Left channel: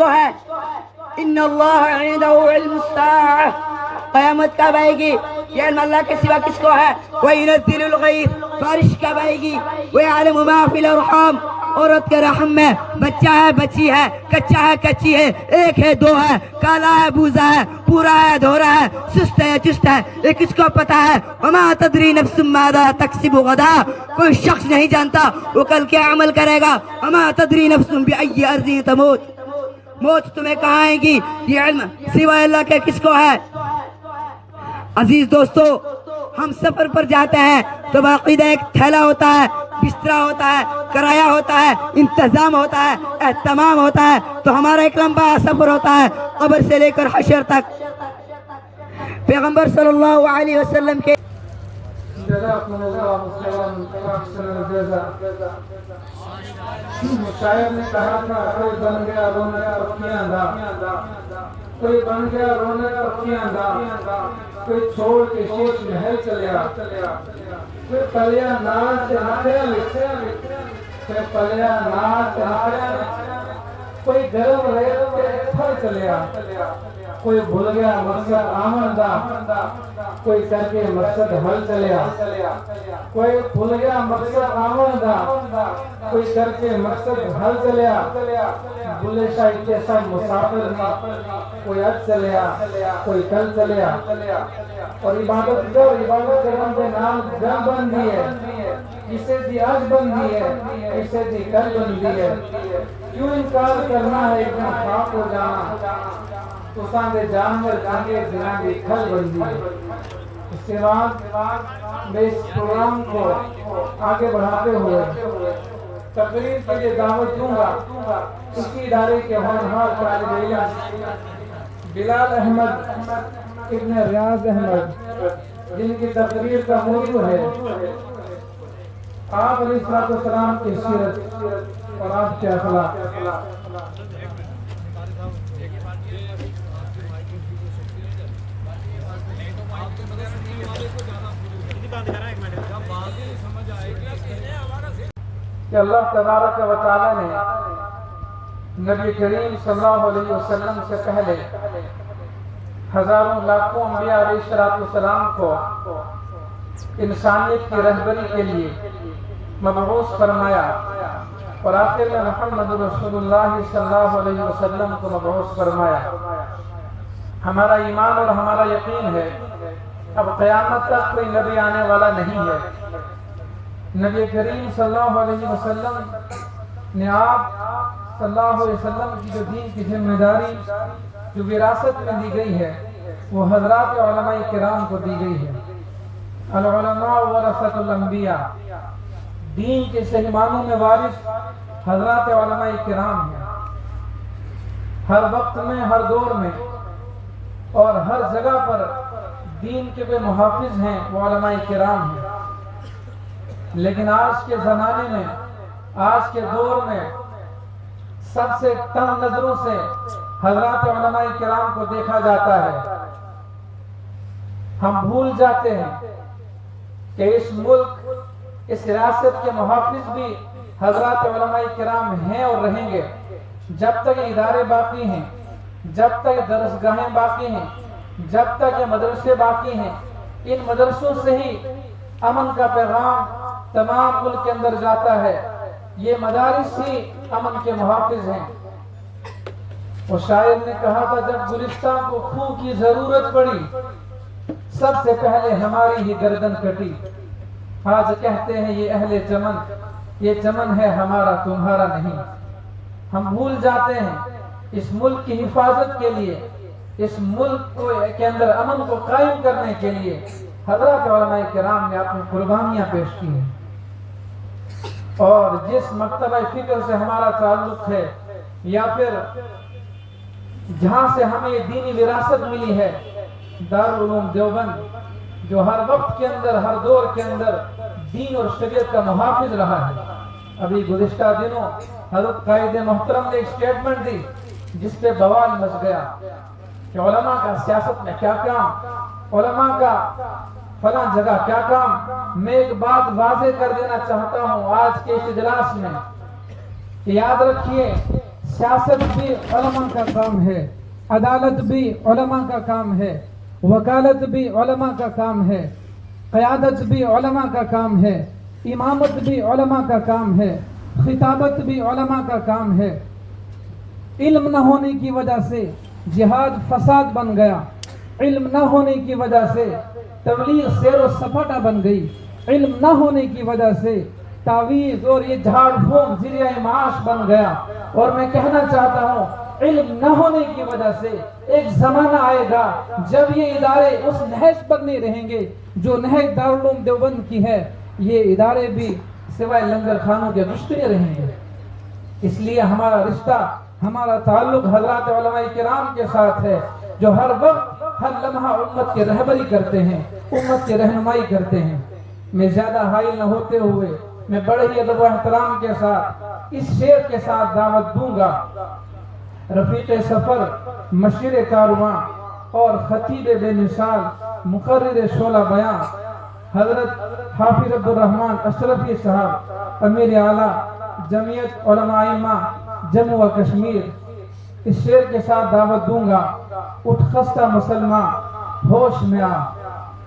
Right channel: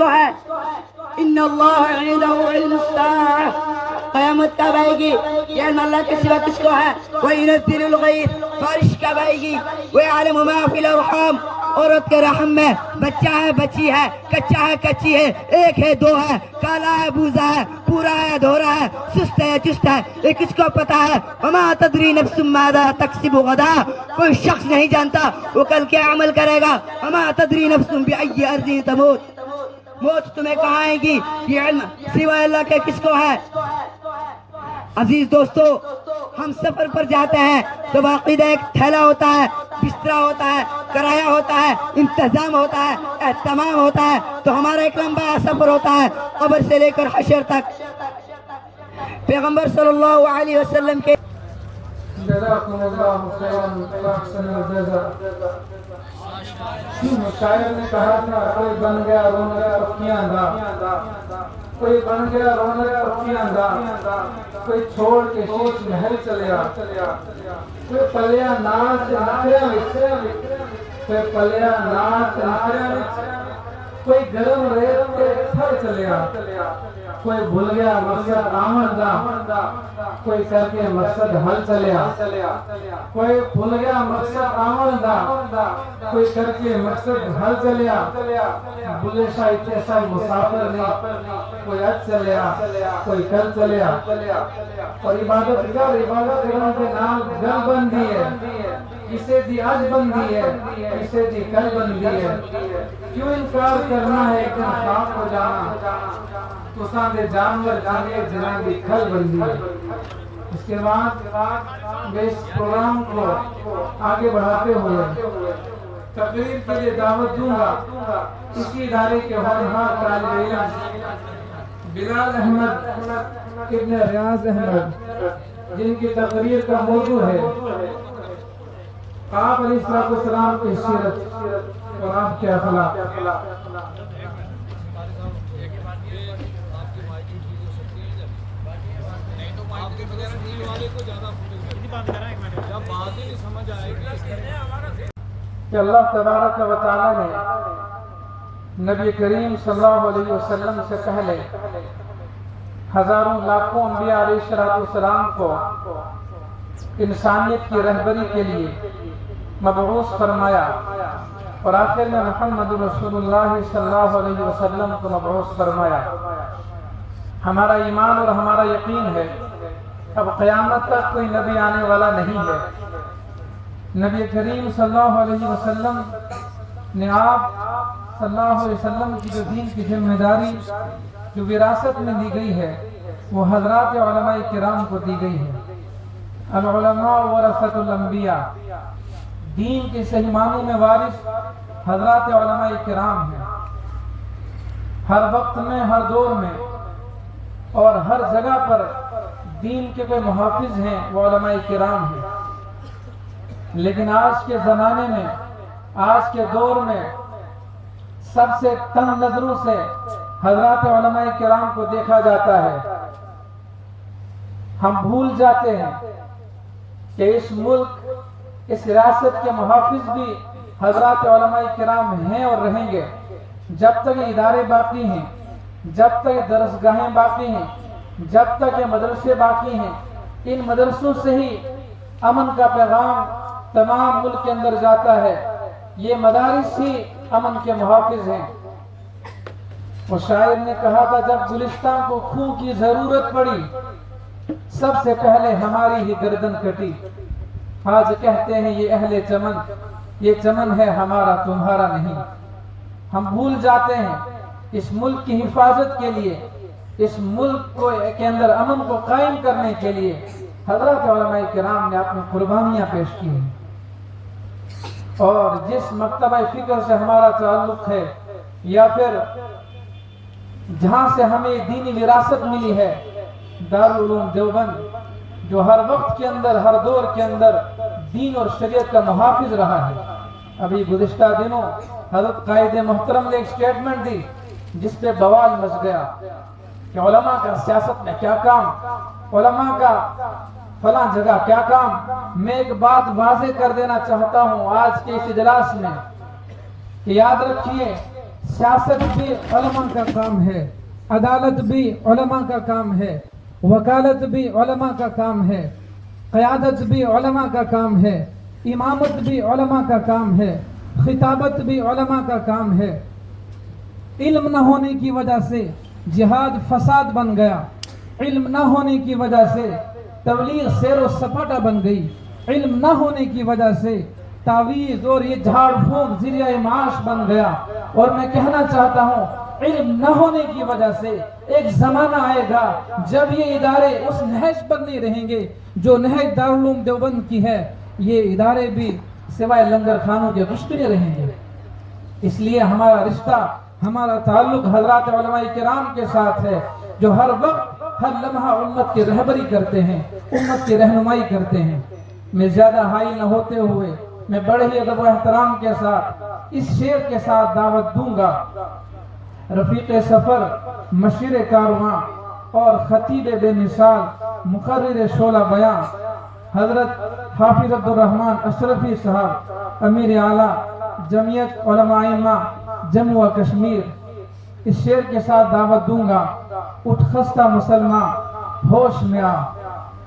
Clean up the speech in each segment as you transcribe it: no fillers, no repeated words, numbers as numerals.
تو ہے ان اللہ عنده علم الساعہ، قیامت کب آئے گی؟ یہ علم اللہ کے سوا کس کو ہے؟ وَيُنَزِّلُ الْغَيْثَ، بارش کب آئے گی؟ وَيَعْلَمُ مَا فِي الْأَرْحَامِ، عورت کے رحم میں بچہ ہے بچی ہے، کچا ہے کچی ہے، ایک ہے دو ہے، کالا ہے بوزا ہے، پورا ہے دھورا ہے، سست ہے چست ہے، یہ کس کو پتا ہے؟ وَمَا تَدْرِي نَفْسٌ مَاذَا تَكْسِبُ غَدًا، کوئی شخص نہیں جانتا وہ کل کیا عمل کرے گا۔ وَمَا تَدْرِي نَفْسٌ بِأَيِّ أَرْضٍ تَمُوتُ، موت تمہیں کہاں آئے گی؟ یہ علم سوائے اللہ کے کس کو ہے؟ عزیز دوستو، ہم سفر پر جاتے ہیں تو باقاعدہ ایک تھیلا ہوتا ہے، بستر ہوتا ہے، کرایہ ہوتا ہے، انتظام ہوتا ہے، اہتمام ہوتا ہے، تو ہمارا ایک لمبا سفر ہوتا ہے قبر سے لے کر حشر تک۔ پیغمبر صلی اللہ علیہ وسلم کے جزاکم اللہ خیرا احسن الجزا۔ شاعر نے کہا تھا کوئی بن گیا رونا پکیاں دا، کوئی بن گیا رونا پکیاں دا، کوئی چھوڑ کے شیش محل چلیا، کوئی پلیا ناز سے نکھرے وچ، کوئی پلیا ناز سے نکھرے وچ، کوئی گرم ریت کے پھڑ چلیا، کوئی بھول گیا مقصد آمن دا، کوئی کر کے مقصد حل چلیا، کوئی بھول گیا مقصد آمن دا، کوئی کر کے مقصد حل چلیا، بلے شاہ کیسا مسافر نہیں، کوئی اج چلیا کوئی کل چلیا، اور عبادت کرن کے نام گل بن دی ہے، کسے دی اج بن دی ہے، کسے دی کل بن دی ہے، کیوں انکار کرنا ہے ایک دن خاک ہو جانا، اساں دے جانور جانے جناں دی کھل بندی ہے۔ اس کے بعد میں اس پروگرام کو آگے بڑھاتے ہوئے تقریر کے لیے دعوت دوں گا اسی ادارے کے ہونہار طالب علم بلال احمد ابن ریاض احمد، جن کی تقریر کا موضوع ہے آپ علیہ السلام کی سیرت اور آپ کے اخلاق۔ کہ اللہ تبارک و تعالیٰ نے نبی کریم صلی اللہ علیہ وسلم سے پہلے ہزاروں لاکھوں انبیاء علیہ السلام کو انسانیت کی رہبری کے لیے مبعوث فرمایا، اور آخر میں محمد رسول اللہ صلی اللہ علیہ وسلم کو مبعوث فرمایا۔ ہمارا ایمان اور ہمارا یقین ہے اب قیامت تک کوئی نبی آنے والا نہیں ہے۔ نبی کریم صلی اللہ علیہ وسلم نے آپ صلی اللہ علیہ وسلم کی جو دین کی ذمہ داری جو وراثت میں دی گئی ہے وہ حضرات علماء کرام کو دی گئی ہے۔ العلماء ورثۃ الانبیاء، دین کے صحیح معنوں میں وارث حضرات علماء کرام ہیں۔ ہر وقت میں، ہر دور میں اور ہر جگہ پر دین کے جو محافظ ہیں وہ علماء کرام ہیں، لیکن آج کے زمانے میں، آج کے دور میں سب سے تنگ نظروں سے حضرات علماء کرام کو دیکھا جاتا ہے۔ ہم بھول جاتے ہیں کہ اس ملک، اس ریاست کے محافظ بھی حضرات علماء کرام ہیں اور رہیں گے۔ جب تک یہ ادارے باقی ہیں، جب تک درسگاہیں باقی ہیں، جب تک یہ مدرسے باقی ہیں، ان مدرسوں سے ہی امن کا پیغام تمام ملک کے اندر جاتا ہے۔ یہ مدارس ہی امن کے محافظ ہیں۔ اور شاعر نے کہا تھا جب گلستان کو خوں کی ضرورت پڑی سب سے پہلے ہماری ہی گردن کٹی۔ آج کہتے ہیں یہ اہل چمن، یہ چمن ہے ہمارا تمہارا نہیں۔ ہم بھول جاتے ہیں اس ملک کی حفاظت کے لیے، اس ملک کے اندر امن کو قائم کرنے کے لیے حضرات علماء کرام نے اپنی قربانیاں پیش کی ہیں۔ اور جس مکتبہ فکر سے ہمارا تعلق ہے یا پھر جہاں سے ہمیں یہ دینی وراثت ملی ہے، دارالعلوم دیوبند، جو ہر وقت کے اندر، ہر دور کے اندر دین اور شریعت کا محافظ رہا ہے۔ ابھی گزشتہ دنوں حضرت قائد محترم نے ایک سٹیٹمنٹ دی جس پہ بوال مچ گیا کہ علماء کا سیاست میں کیا کام، علماء کا فلاں جگہ کیا کام۔ میں ایک بات واضح کر دینا چاہتا ہوں آج کے اس اجلاس میں کہ یاد رکھیے سیاست بھی علماء کا کام ہے، عدالت بھی علماء کا کام ہے، وکالت بھی علماء کا کام ہے، قیادت بھی علماء کا کام ہے، امامت بھی علماء کا کام ہے، خطابت بھی علماء کا کام ہے۔ علم نہ ہونے کی وجہ سے جہاد فساد بن گیا، علم نہ ہونے کی وجہ سے تبلیغ سیر و سپاٹا بن گئی، علم نہ ہونے کی وجہ سے تعویذ اور یہ جھاڑ پھونک ذریعہ معاش بن گیا۔ اور میں کہنا چاہتا ہوں علم نہ ہونے کی وجہ سے ایک زمانہ آئے گا جب یہ ادارے اس نہج پر نہیں رہیں گے جو نہج دارالعلوم دیوبند کی ہے، یہ ادارے بھی سوائے لنگر خانوں کے مشترے رہیں گے۔ اس لیے ہمارا رشتہ، ہمارا تعلق حضرات علماء کرام کے ساتھ ہے جو ہر وقت ہر لمحہ امت کی رہبری کرتے ہیں، امت کی رہنمائی کرتے ہیں۔ میں زیادہ حائل نہ ہوتے ہوئے میں بڑے ہی ادب و احترام کے ساتھ اس شعر کے ساتھ دعوت دوں گا۔ رفیق سفر، مشیر کارواں اور خطیب بے مثال، مقرر شعلہ بیان حضرت حافظ عبد الرحمن اشرفی صاحب، امیر اعلیٰ جمعیت علماء ائمہ جموں و کشمیر، اس شعر کے ساتھ دعوت دوں گا۔ اٹھ خستہ مسلمان ہوش میں آ،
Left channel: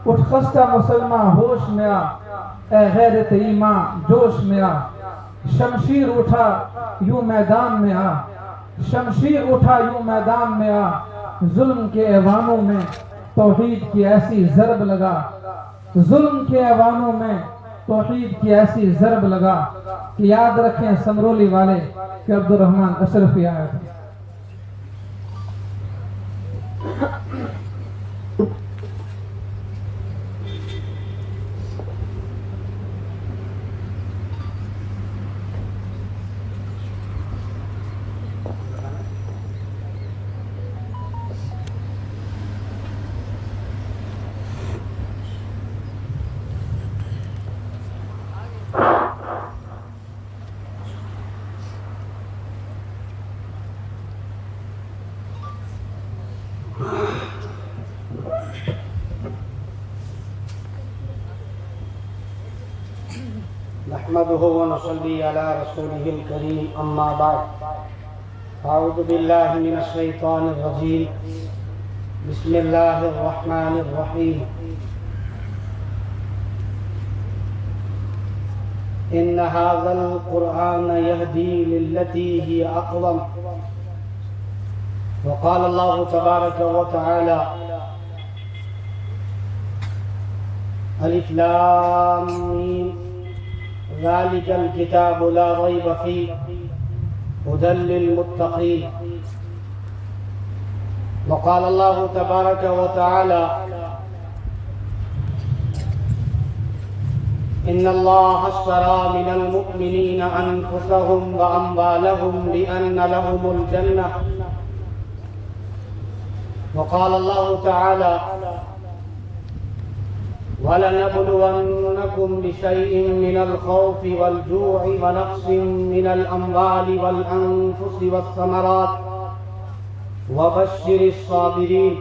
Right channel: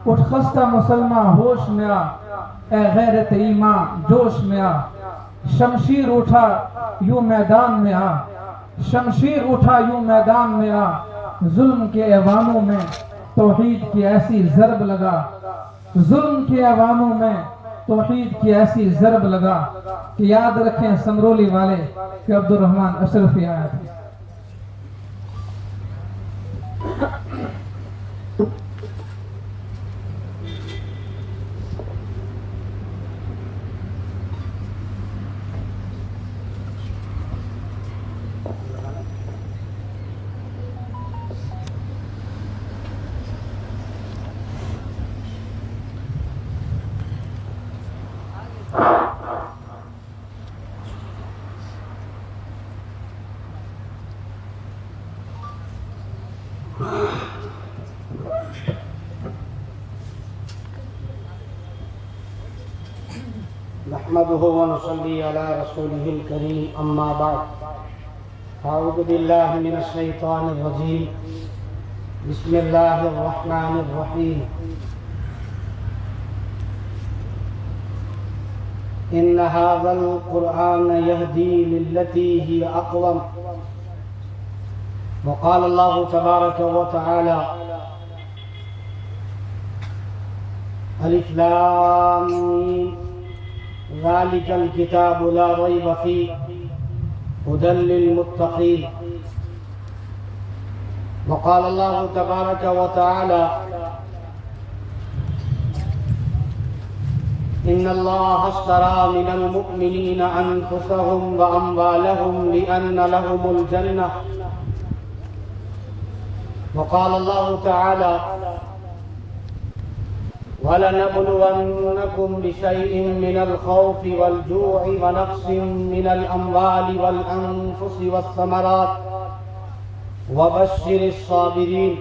اٹھ خستہ مسلمان ہوش میں آ، اے غیرت ایمان جوش میں آ، شمشیر اٹھا یوں میدان میں آ، شمشیر اٹھا یوں میدان میں آ، ظلم کے ایوانوں میں توحید کی ایسی ضرب لگا، ظلم کے ایوانوں میں توحید کی ایسی ضرب لگا کہ یاد رکھیں سمرولی والے کہ عبد الرحمن اشرفی آیا تھا۔ نحمده ونصلي على رسوله الكريم أما بعد أعوذ بالله من الشيطان الرجيم بسم الله الرحمن الرحيم إن هذا القرآن يهدي للتي هي أقوم وقال الله تبارك وتعالى ألف لام ميم ذلك الكتاب لا ريب فيه هدى للمتقين وقال الله تبارك وتعالى إن الله اشترى من المؤمنين أنفسهم وأموالهم بأن لهم الجنة وقال الله تعالى وَلَنَبْلُوَنَّكُمْ بِشَيْءٍ مِّنَ الْخَوْفِ وَالْجُوعِ وَنَقْصٍ مِّنَ الْأَمْوَالِ وَالْأَنفُسِ وَالثَّمَرَاتِ وَبَشِّرِ الصَّابِرِينَ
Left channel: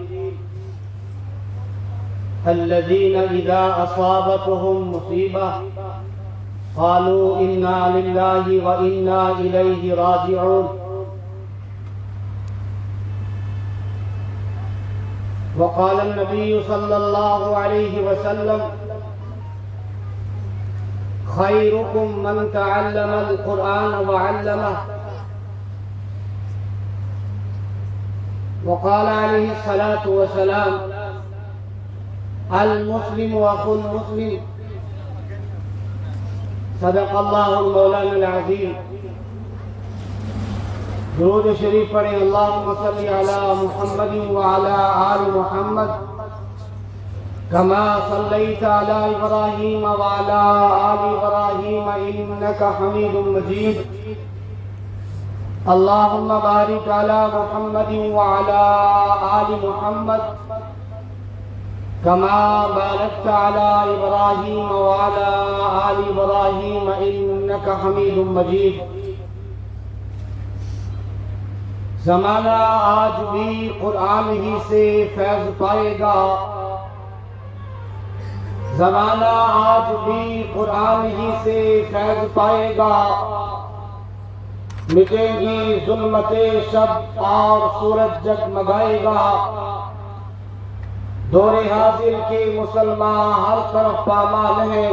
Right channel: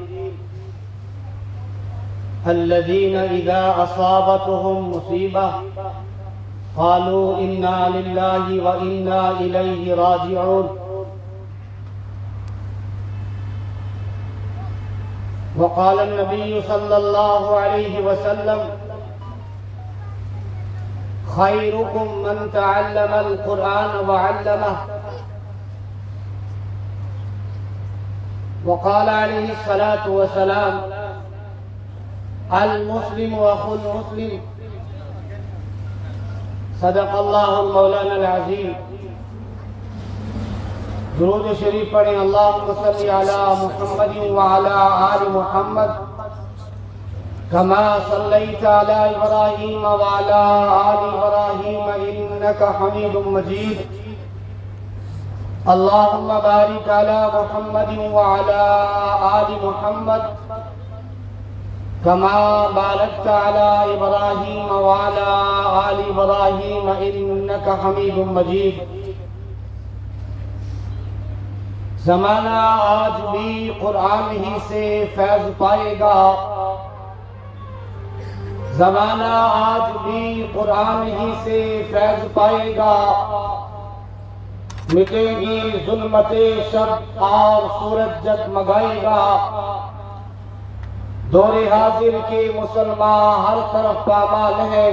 الَّذِينَ إِذَا أَصَابَتْهُمْ مُصِيبَةٌ قَالُوا إِنَّا لِلَّهِ وَإِنَّا إِلَيْهِ رَاجِعُونَ وقال النبي صلى الله عليه وسلم خيركم من تعلم القرآن وعلمه وقال عليه الصلاة والسلام المسلم أخو المسلم صدق الله مولانا العظيم۔ درود شریف پڑھیں اللہم صلی علی محمد وعلی آل محمد کما صلیت علی ابراہیم وعلی آل ابراہیم انک حمید مجید اللہم بارک علی محمد وعلی آل محمد کما بارکت علی ابراہیم وعلی آل ابراہیم انک حمید مجید۔ زمانہ آج بھی قرآن ہی سے فیض پائے گا، زمانہ آج بھی قرآن ہی سے فیض پائے گا، مٹیں گی ظلمت شب اور سورج جگمگائے گا، دور حاضر کے مسلمان ہر طرف پامال ہیں،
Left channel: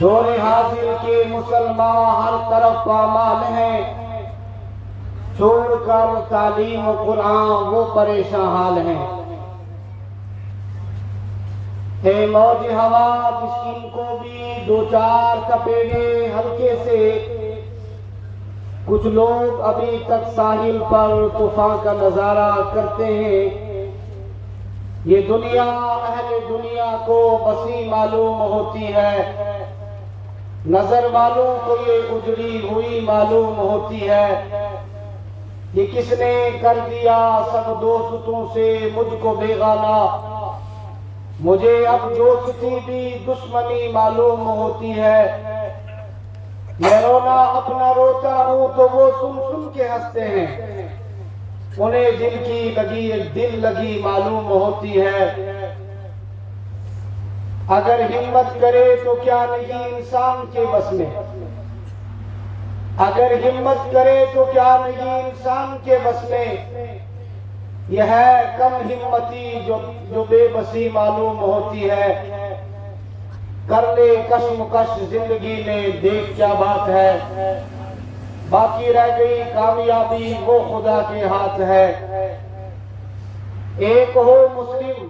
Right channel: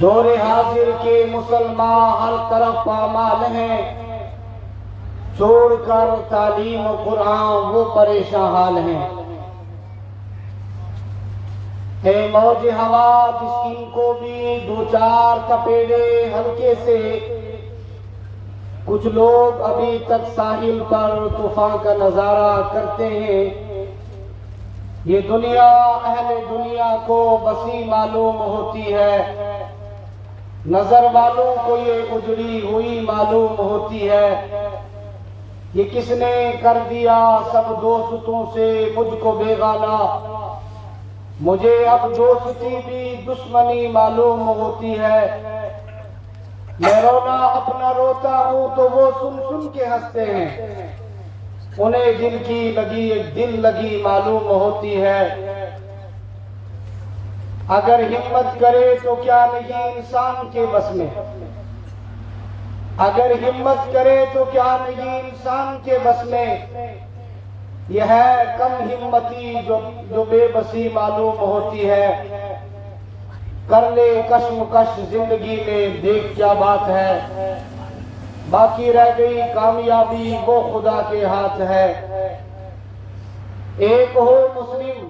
دور حاضر کے مسلمان ہر طرف پامال ہیں، چھوڑ کر تعلیم و قرآن وہ پریشان حال ہیں۔ اے موج ہوا مسکین کو بھی دو چار تپیڑے ہلکے سے، کچھ لوگ ابھی تک ساحل پر طوفان کا نظارہ کرتے ہیں۔ یہ دنیا اہل دنیا کو بسی معلوم ہوتی ہے، نظر والوں کو یہ اجڑی ہوئی معلوم ہوتی ہے۔ یہ کس نے کر دیا سب دوستوں سے مجھ کو بیگانہ، مجھے اب دوستی بھی دشمنی معلوم ہوتی ہے۔ میں رونا اپنا روتا ہوں تو وہ سن سن کے ہنستے ہیں، انہیں دل کی لگی ایک دل لگی معلوم ہوتی ہے۔ اگر ہمت کرے تو کیا نہیں انسان کے بس میں، اگر ہمت کرے تو کیا نہیں انسان کے بس میں، یہ ہے کم ہمتی جو بے بسی معلوم ہوتی ہے۔ کر لے کشمکش زندگی میں دیکھ کیا بات ہے، باقی رہ گئی کامیابی وہ خدا کے ہاتھ ہے۔ ایک ہو مسلم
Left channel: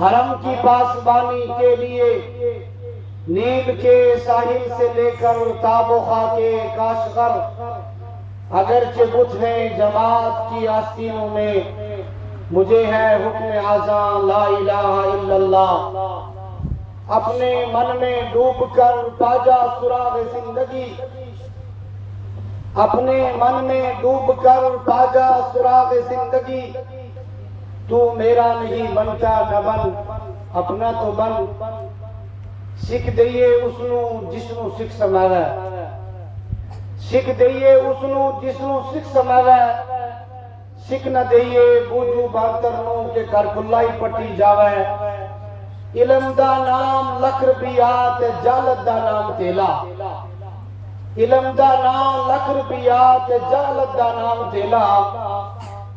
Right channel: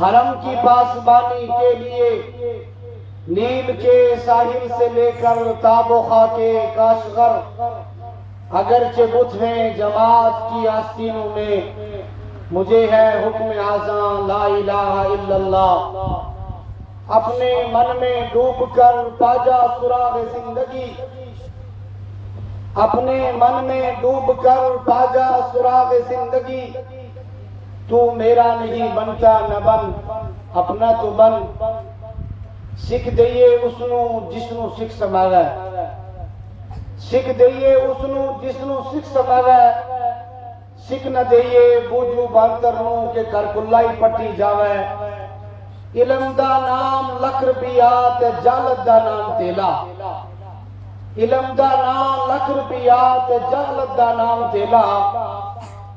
حرم کی پاسبانی کے لیے، نیل کے ساحل سے لے کر تاب و خاک کاشغر، اگرچہ بت ہیں جماعت کی آستینوں میں، مجھے ہے حکم اذان لا الہ الا اللہ۔ اپنے من میں ڈوب کر پاجا سراغ زندگی، اپنے من میں ڈوب کر پاجا سراغ زندگی، تو میرا نہیں بنتا نہ بن اپنا تو بن، سکھ دئیے اسنو جسنو سکھ سماوے، سکھ دئیے اسنو جسنو سکھ سماوے، سکھ نہ دئیے بوجھو بانترنوں کے کر کلائی پٹی جاوے۔ علم دا نام لکھ روپیات جالت دا نام تیلا، علم دا نام لکھ روپیات جالت دا نام تیلا،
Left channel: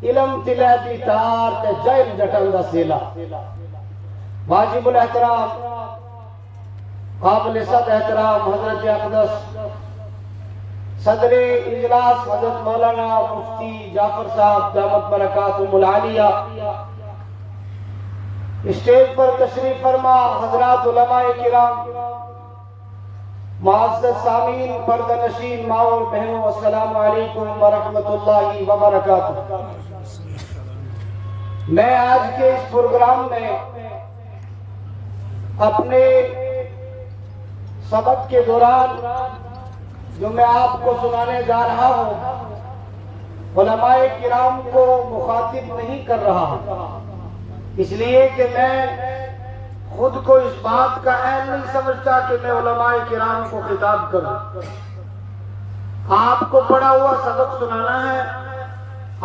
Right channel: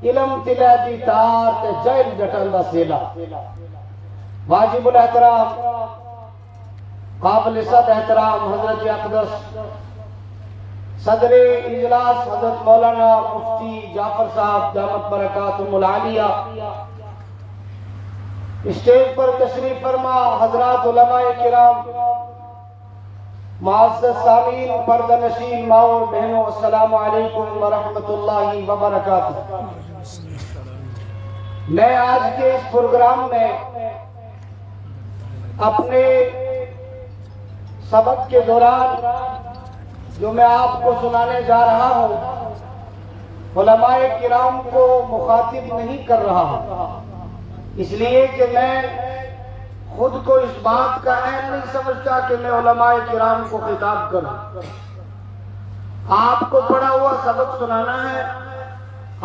علم تلے دی تار تے جائل جٹن دا سیلا۔ واجب الاحترام قابل صد احترام حضرت اقدس صدر اجلاس حضرت مولانا مفتی جعفر صاحب دامت برکاتہم العالیہ، اسٹیج پر تشریف فرما حضرات علماء کرام، معزز سامعین، پردہ نشین ماں اور بہنوں، السلام علیکم ورحمۃ اللہ وبرکاتہ۔ میں آج کے اس پروگرام میں اپنے سبق کے دوران جو میں آپ کو سنانے جا رہا ہوں، علماء کرام کو مخاطب نہیں کر رہا ہوں، اس لیے کہ میں خود کو اس بات کا عین نہیں سمجھتا کہ میں علماء کرام کو خطاب کروں۔ آپ کو پڑھا ہوا سبق سنانا ہے،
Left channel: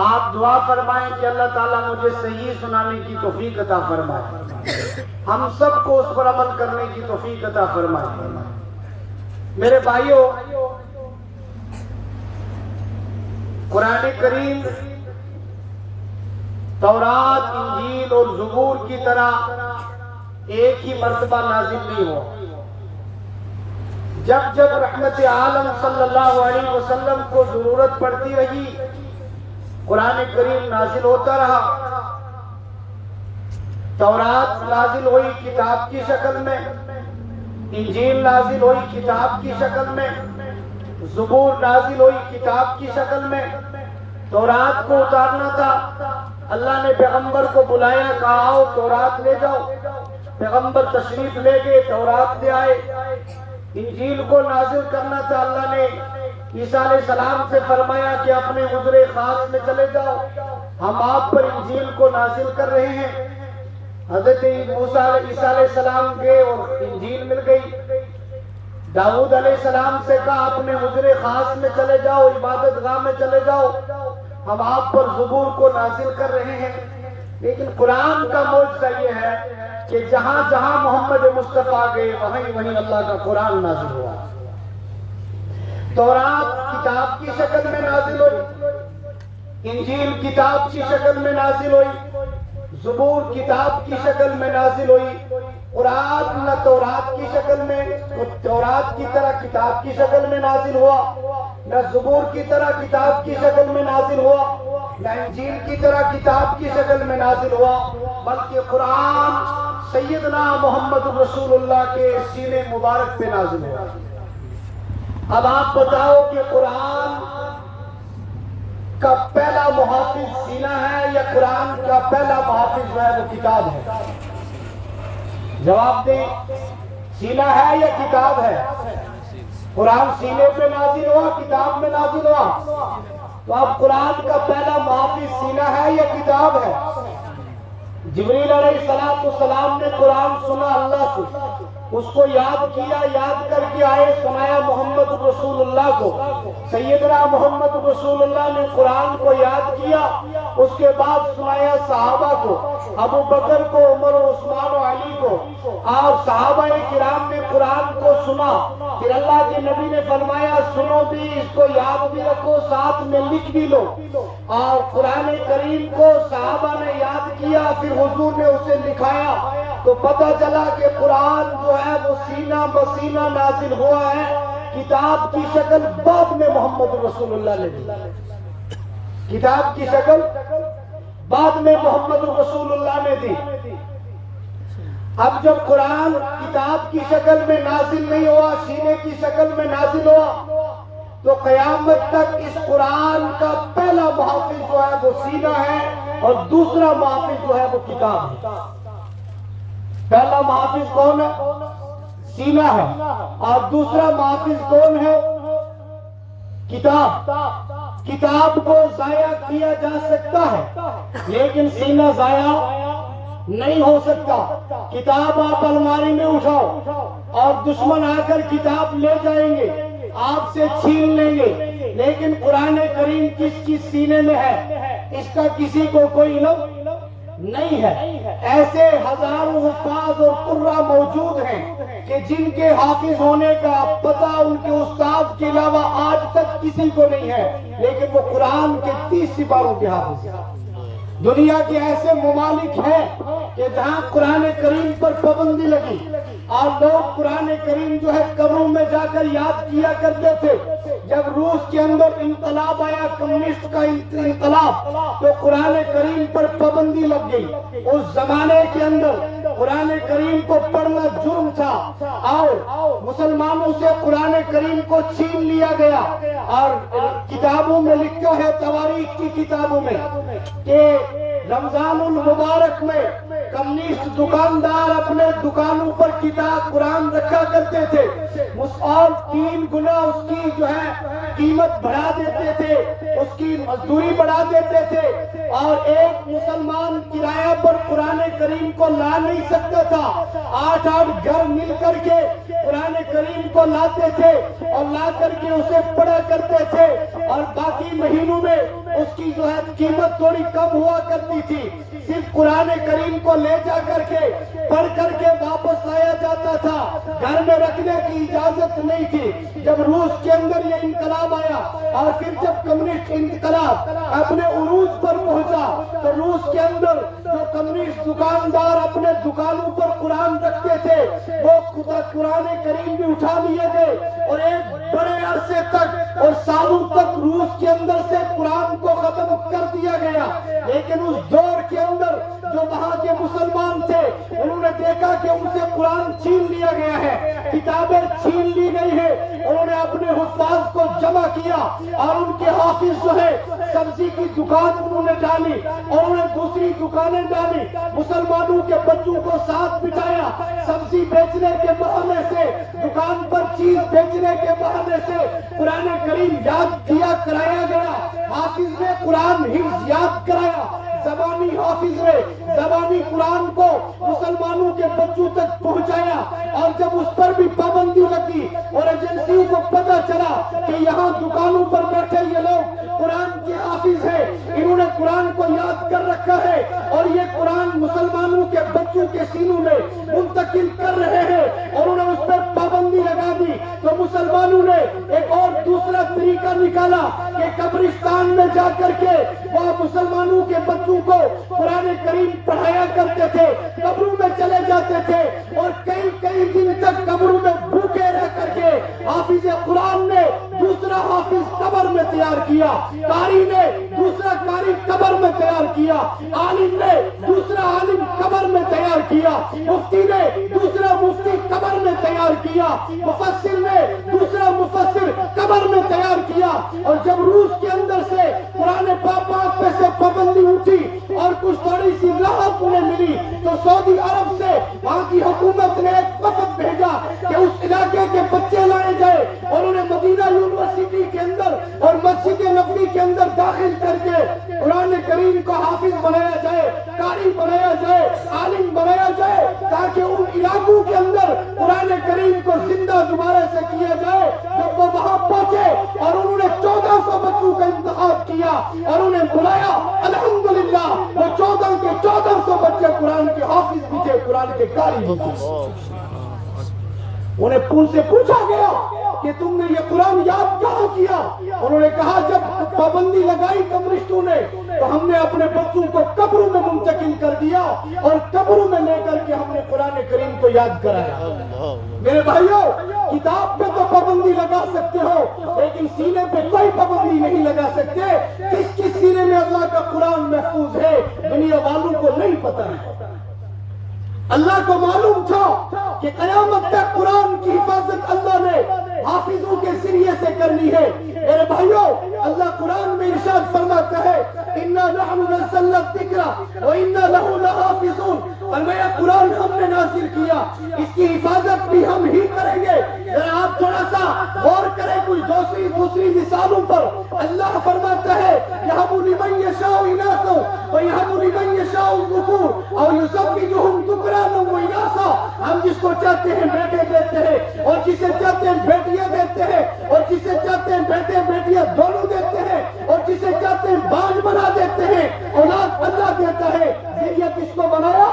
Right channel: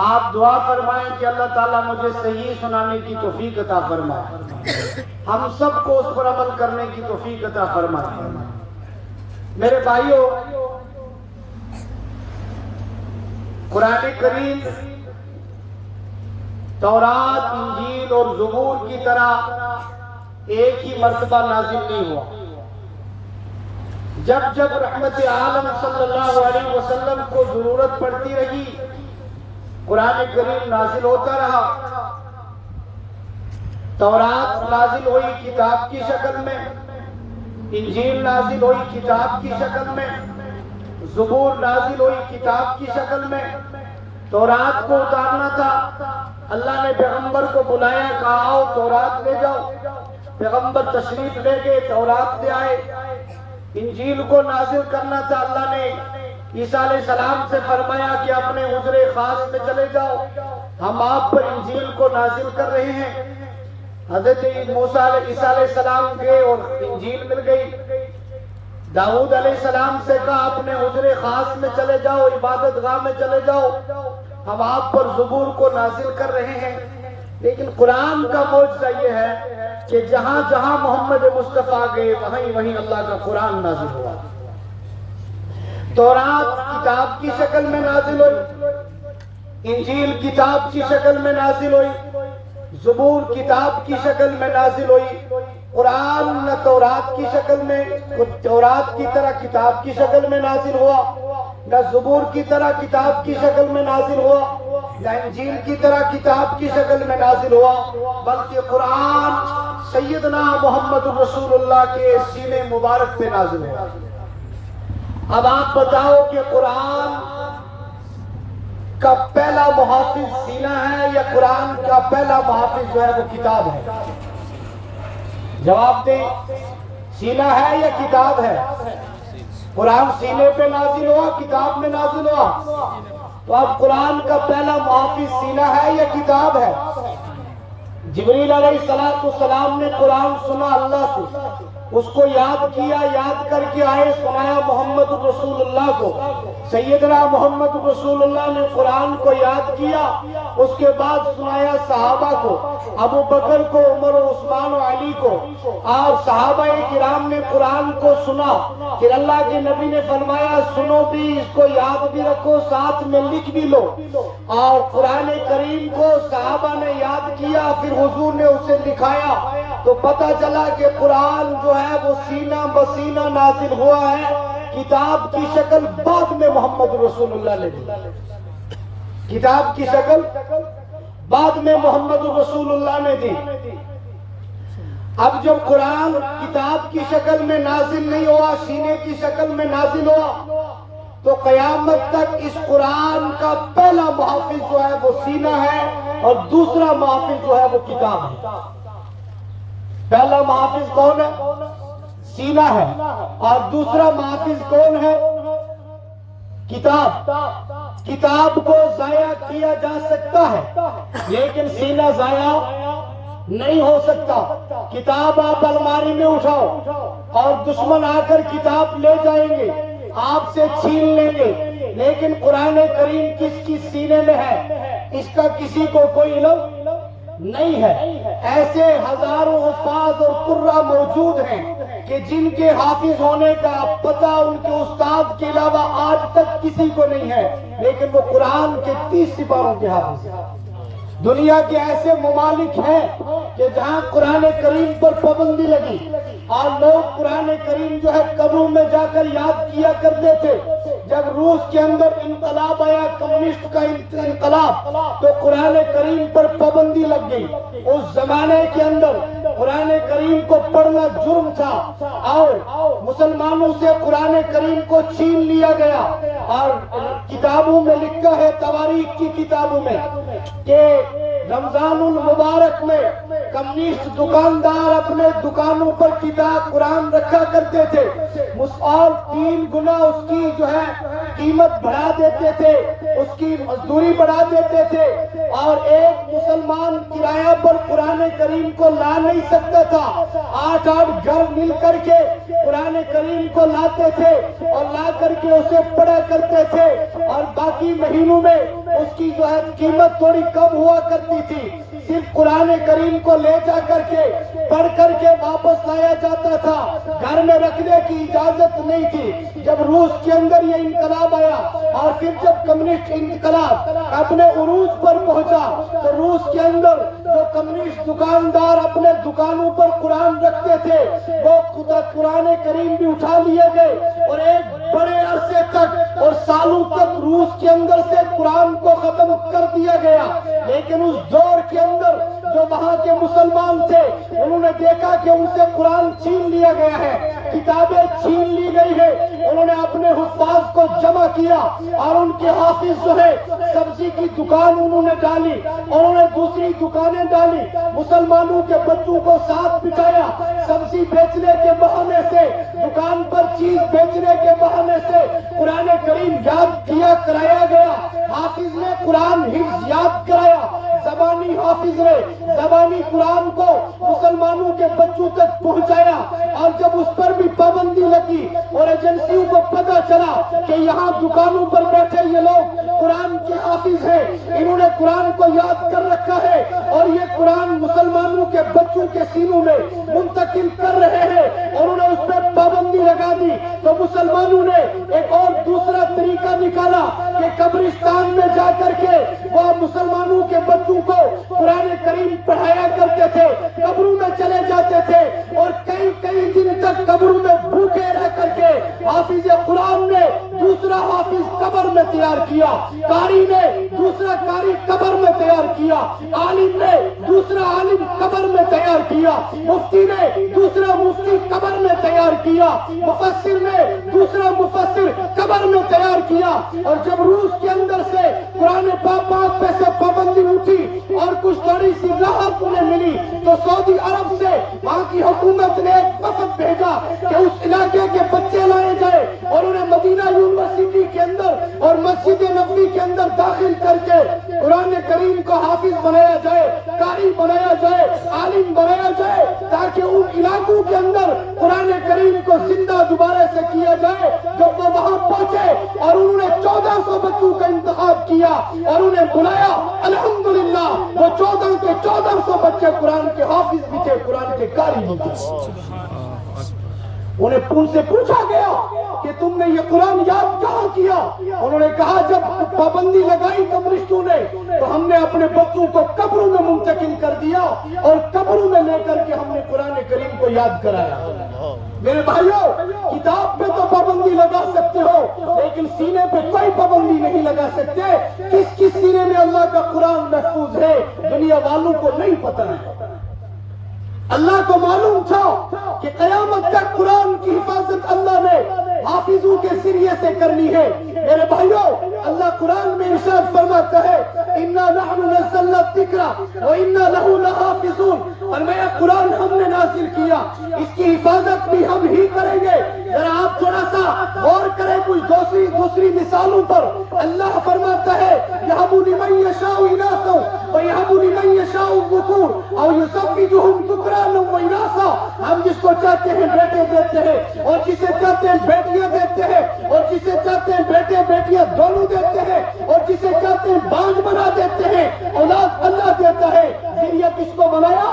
آپ دعا فرمائیں کہ اللہ تعالیٰ مجھے صحیح سنانے کی توفیق عطا فرمائے، ہم سب کو اس پر عمل کرنے کی توفیق عطا فرمائے۔ میرے بھائیوں، قرآن کریم تورات، انجیل اور زبور کی طرح ایک ہی مرتبہ نازل نہیں ہوا۔ جب جب رحمت عالم صلی اللہ علیہ وسلم کو ضرورت پڑتی رہی، قرآن کریم نازل ہوتا رہا۔ تورات نازل ہوئی کتاب کی شکل میں، انجیل نازل ہوئی کتاب کی شکل میں، زبور نازل ہوئی کتاب کی شکل میں۔ تورات کو اتارنا تھا، اللہ نے پیغمبر کو بلایا، کہا آؤ تورات لے جاؤ، پیغمبر تشریف لے گئے، تورات لے آئے۔ انجیل کو نازل کرنا تھا، اللہ نے عیسیٰ علیہ السلام سے فرمایا کہ اپنے حضر خاص میں چلے جاؤ، ہم آپ پر انجیل کو نازل کر رہے ہیں۔ حضرت عیسیٰ علیہ السلام گئے اور انجیل مل گئی۔ داؤد علیہ السلام سے کہا اپنے حضر خاص میں چلے جاؤ، عبادت گاہ میں چلے جاؤ، ہم آپ پر زبور کو نازل کر رہے ہیں۔ لیکن قرآن کا معجزہ یہ ہے کہ جہاں جہاں محمد مصطفیٰ گئے وہیں وہیں اللہ کا قرآن نازل ہوا۔ تورات کتاب کی شکل میں نازل ہوئی، انجیل کتاب کی شکل میں نازل ہوئی، زبور کتاب کی شکل میں نازل ہوئی، قرآن نہ تورات کی شکل میں، تورات کی طرح کتاب کی شکل میں نازل ہوا، نہ زبور کی طرح کتاب کی شکل میں نازل ہوا، نہ انجیل کی طرح کتاب کی شکل میں نازل ہوا، بلکہ قرآن سیدنا محمد رسول اللہ کے سینے مبارک پہ نازل ہوا۔ اب آپ بتاؤ کہ قرآن کا پہلا محافظ سینہ ہے یا قرآن کا پہلا محافظ جو ہے وہ کتاب ہے؟ جواب دیں، سینہ ہے یا کتاب ہے؟ قرآن سینے پہ نازل ہوا، کتاب میں نازل ہوا، تو اب قرآن کا پہلا محافظ سینہ ہے یا کتاب ہے؟ جبریل علیہ السلام نے قرآن سنا اللہ سے، اس کو یاد کیا، یاد کر کے آئے، سنایا محمد رسول اللہ کو، سیدنا محمد رسول اللہ نے قرآن کو یاد کیا، اس کے بعد سنایا صحابہ کو، ابو بکر کو، عمر و عثمان و علی کو، اور صحابہ کرام نے قرآن کو سنا، پھر اللہ کے نبی نے فرمایا سنو بھی، اس کو یاد بھی رکھو، ساتھ میں لکھ بھی لو، اور قرآن کریم کو صحابہ نے یاد کیا، پھر حضور نے اسے لکھایا، تو پتہ چلا کہ قرآن جو ہے وہ سینہ بسینہ نازل ہوا ہے، کتاب کی شکل بعد میں محمد رسول اللہ نے دی، کتاب کی شکل بعد میں محمد رسول اللہ نے دی۔ اب جب قرآن کتاب کی شکل میں نازل نہیں ہوا، سینے کی شکل میں نازل ہوا، تو قیامت تک اس قرآن کا پہلا محافظ جو ہے وہ سینہ ہے، اور دوسرا محافظ جو ہے وہ کتاب ہے۔ پہلا محافظ کون ہے؟ سینہ ہے، اور دوسرا محافظ کون ہے؟ کتاب۔ کتاب کو ضائع کیا جا سکتا ہے لیکن سینہ ضائع نہیں ہو سکتا۔ کتاب آپ الماری میں اٹھاؤ اور دشمن آ کر کتاب لے جائیں گے، آپ سے چھین لیں گے، لیکن قرآن کریم کس کی سینے میں ہے اس کا کسی کو کوئی علم نہیں ہے۔ ایسے ہزاروں حفاظ اور قرہ موجود ہیں کہ جن کے حافظ ہونے کا پتہ ان کے استاد کے علاوہ آج تک کسی کو نہیں ہے، لیکن وہ قرآن کے 30 سپاروں کے حافظ ہیں۔ دنیا کے ایسے ممالک ہیں کہ جہاں قرآن کریم پر پابندی لگی اور لوگ قرآن کریم جو ہے قبروں میں جا کر یاد کیا کرتے تھے۔ جب روس کے اندر انقلاب آیا، کمیونسٹ کا انقلاب، تو قرآن کریم پر پابندی لگ گئی۔ اس زمانے کے اندر قرآن کریم کو پڑھنا جرم تھا اور مسلمانوں سے قرآن کریم کو چھین لیا گیا، اور کتابوں میں لکھا ہے، تواریخ کی کتابوں میں، کہ رمضان المبارک میں کمیونسٹ دکاندار اپنے دکانوں پر کتاب قرآن رکھا کرتے تھے، اور 3 گنا اس کی جو ہے قیمت بڑھا دیتے تھے، اس کی مزدوری بڑھا دیتے تھے، اور ایک مسلمان کرایہ پر قرآن کریم کو لا نہیں سکتا تھا۔ 8 گھر مل کر کے قرآن کریم کو لاتے تھے اور لا کر کے اسے پڑھا کرتے تھے، اور باقی مہینوں میں اس کی جو ہے قیمت تھوڑی کم ہوا کرتی تھی۔ صرف قرآن کریم کو لے جا کر کے پڑھ کر کے واپس لایا جاتا تھا، گھر میں رکھنے کی اجازت نہیں تھی۔ جب روس کے اندر یہ انقلاب آیا اور پھر جب کمیونسٹ انقلاب اپنے عروج پر پہنچا، تو روس کے اندر جو کمیونسٹ دکاندار اپنے دکانوں پر قرآن رکھتے تھے، وہ قرآن کریم بھی اٹھا لیے گئے، اور ایک بڑے عرصے تک اور سالوں تک روس کے اندر سے قرآن کو ختم کر دیا گیا۔ لیکن اس دور کے اندر جو وہاں کے مسلمان تھے، انہوں نے دیکھا کہ ان سے قرآن چھین لیا گیا ہے، کتابیں چھین لی گئی ہے، انہوں نے اپنے حفاظ کو جمع کیا، اور ان کے حافظ جو ہے سبزی کی دکان انہوں نے ڈالی، اور انہوں نے دوسری دکانیں ڈالی، مسلمانوں کے بچوں کو ساتھ بٹھایا، سبزی بیچنے کے بہانے سے، دکان پر چیز بیچنے کے بہانے سے قرآن کریم یاد کیا کرایا گیا۔ حافظ نے قرآن حفظ یاد کرایا، زبانی حافظ نے زبانی قرآن کو مسلمانوں کے بچوں تک پہنچایا، اور جب اس پر بھی پابندی لگی اور ایجنسیوں کو پتہ چلا کہ یہاں دکانوں پر بیٹھے یہ لوگ قرآن کے حافظ ہیں، انہوں نے قرآن کو یاد کر رکھا ہے اور یہ قرآن مسلمانوں کے بچوں کے سینوں میں منتقل کر رہے ہیں، اور انہوں نے اس پر پابندی لگا دی۔ تو مسلمانوں نے ایک اور دوسرا طریقہ نکالا کہ قبرستان میں جا کر کے وہ مسلمانوں کے بچوں کو قرآن کریم پڑھایا کرتے تھے، قبروں میں چلے جاتے تھے اور کئی دن تک قبروں میں بھوکے رہ کر کے حافظ قرآن نے دوسرا حافظ قبر میں تیار کیا، قاری نے دوسرا قاری قبر میں تیار کیا، عالم نے دوسرا عالم قبر میں تیار کیا، مفتی نے دوسرا مفتی قبر میں تیار کیا، مفسر نے دوسرا مفسر قبر میں تیار کیا۔ اور جب روس کے اندر سے قرآن پاک پہ سے پابندی اٹھی اور کچھ تھوڑی سی راحت انہیں ملی تو سعودی عرب سے وہاں کی حکومت نے ایک وفد بھیجا کہ اس علاقے کے بچے لائے گئے اور انہیں مدینہ یونیورسٹی کے اندر اور مسجد نبوی کے اندر داخل کر کے قرآن کریم کو حافظ بنایا جائے، قاری بنایا جائے، عالم بنایا جائے، تاکہ ان علاقوں کے اندر قرآن کریم کو زندہ دوبارہ سے کیا جائے۔ جب وہ وہاں پہنچے اور انہوں نے 1400 بچوں کا انتخاب کیا اور انہیں بلایا، الحمدللہ وہ 14 کے 1400 بچے قرآن کے حافظ بھی تھے، قرآن کے قاری بھی تھے۔ انہیں ان سے پوچھا گیا کہ تم نے یہ قرآن یاد کہاں کیا؟ انہوں نے کہا جب پابندی لگائی کمیونسٹوں نے تو ہم نے اپنے بچوں کو قبروں میں منتقل کر دیا اور قبروں میں لے کر کے ہم نے قرآن کریم کو یاد کرایا۔ میرے بھائیوں، کتاب پہ تو پابندی لگا سکتے ہو لیکن سینے پہ کوئی پابندی نہیں لگا سکتے۔ کس سینے میں اللہ کا قرآن محفوظ ہے دنیا والوں کو نہیں پتا ہے۔ اللہ کو معلوم تھا کہ قیامت تک قرآن کی حفاظت اللہ نے حافظوں کے ذریعے سے کرنی ہے۔ میرے بھائیوں، اللہ قرآن میں ارشاد فرماتا ہے اِنَّا نَحْنُ نَزَّلْنَا الذِّكْرَ وَإِنَّا لَهُ لَحَافِظُونَ۔ فرمایا قرآن ہم نے نازل کیا، اس کی حفاظت بھی ہم ہی کریں گے۔ ذرا آپ تھوڑا سا غور کریں کچھ دوسری مثالوں پر۔ اللہ فرماتا ہے يَهَبُ لِمَن يَشَاءُ إِنَاثًا وَيَهَبُ لِمَن يَشَاءُ الذُّكُورَ أَوْ يُزَوِّجُهُمْ ذُكْرَانًا وَإِنَاثًا۔ ہم جس کو چاہتے ہیں بیٹے دیتے ہیں اور جسے چاہتے ہیں بیٹیاں دیتے ہیں اور جسے چاہتے ہیں بیٹے بیٹیاں دونوں دیتے ہیں اور جسے چاہتے ہیں بانج بنا دیتے ہیں۔ اولاد اللہ دیتا ہے، ذریعہ کس کو بنایا؟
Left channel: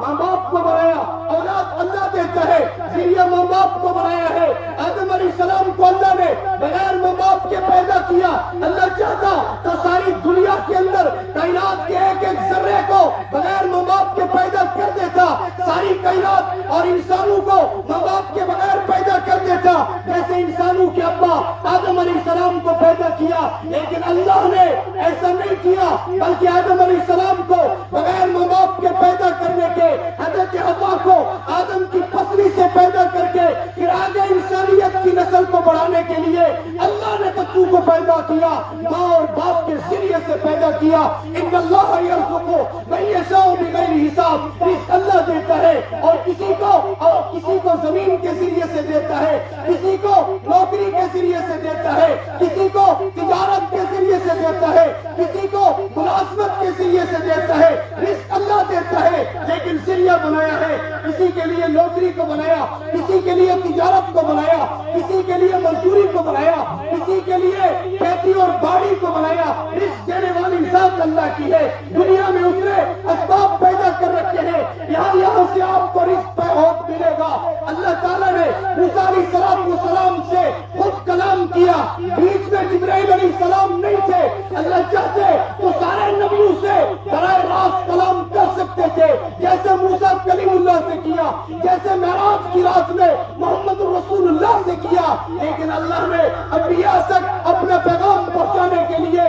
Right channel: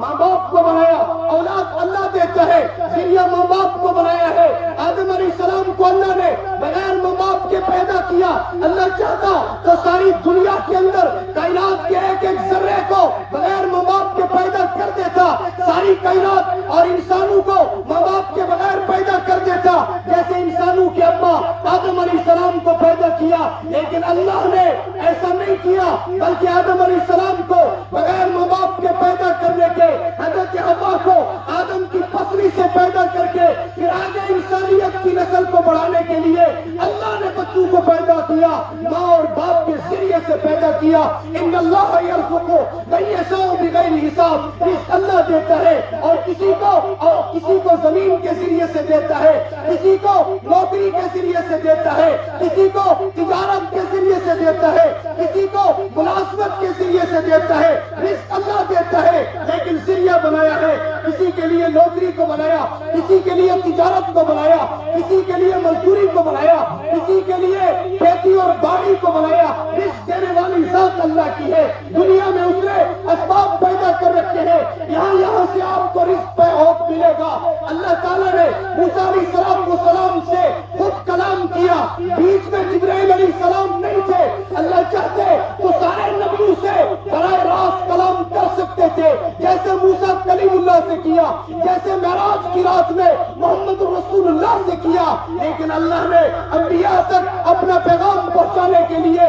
ماں باپ کو بنایا۔ اولاد اللہ دیتا ہے، ذریعہ ماں باپ کو بنایا ہے۔ آدم علیہ السلام کو اللہ نے بغیر ماں باپ کے پیدا کیا۔ اللہ چاہتا تو ساری دنیا کے اندر کائنات کے ایک ذرے کو بغیر ماں باپ کے پیدا کر دیتا، ساری کائنات اور انسانوں کو ماں باپ کے بغیر پیدا کر دیتا، جیسے انسانوں کے ابا آدم علیہ السلام کو پیدا کیا۔ لیکن اللہ نے ایسا نہیں کیا، بلکہ آدم علیہ السلام کو بغیر ماں باپ کے پیدا کرنے کے حضرت حوا کو آدم کی پسلی سے پیدا کر کے پھر آگے انسانیت کی نسل کو بڑھانے کے لیے اللہ نے بچوں کو پیدا کیا، ماں اور باپ کے ذریعے سے پیدا کیا۔ ان اللہ یرزق من یشاء بغیر حساب۔ رزق اللہ دیتا ہے اور کسی کو زمین کے ذریعے سے دیتا ہے، کسی کو نوکری کے ذریعے سے دیتا ہے، کسی کو تجارت کے ذریعے سے دیتا ہے، کسی کو ملازمت کے ذریعے سے دیتا ہے۔ رزق اللہ دیتا ہے لیکن ذریعہ بنایا ہے، کسی کے لیے نوکری کو بنایا، کسی کے لیے تجارت کو بنایا، کسی کے لیے مزدوری کو بنایا، کسی کے لیے کھیتی اور باڑی کو بنایا۔ رزق دینے والی ذات اللہ کی ہے۔ دنیا میں اس نے اسباب پیدا کر رکھے ہیں، یہاں سے آپ کو رزق پہ ہوت ملے گا۔ اللہ تعالیٰ نے موسیٰ علیہ السلام سے خود کلام کیا، بیچ میں جبرائیل علیہ السلام نہیں تھے۔ اللہ چاہتے تو سارے نبیوں سے براہ راست کلام کر سکتے تھے، جیسے موسیٰ کلیم اللہ سے کیا، جیسے معراج کی رات میں محمد رسول اللہ سے کیا۔ لیکن اللہ نے انبیاء تک اپنا پیغام پہنچانے کے لیے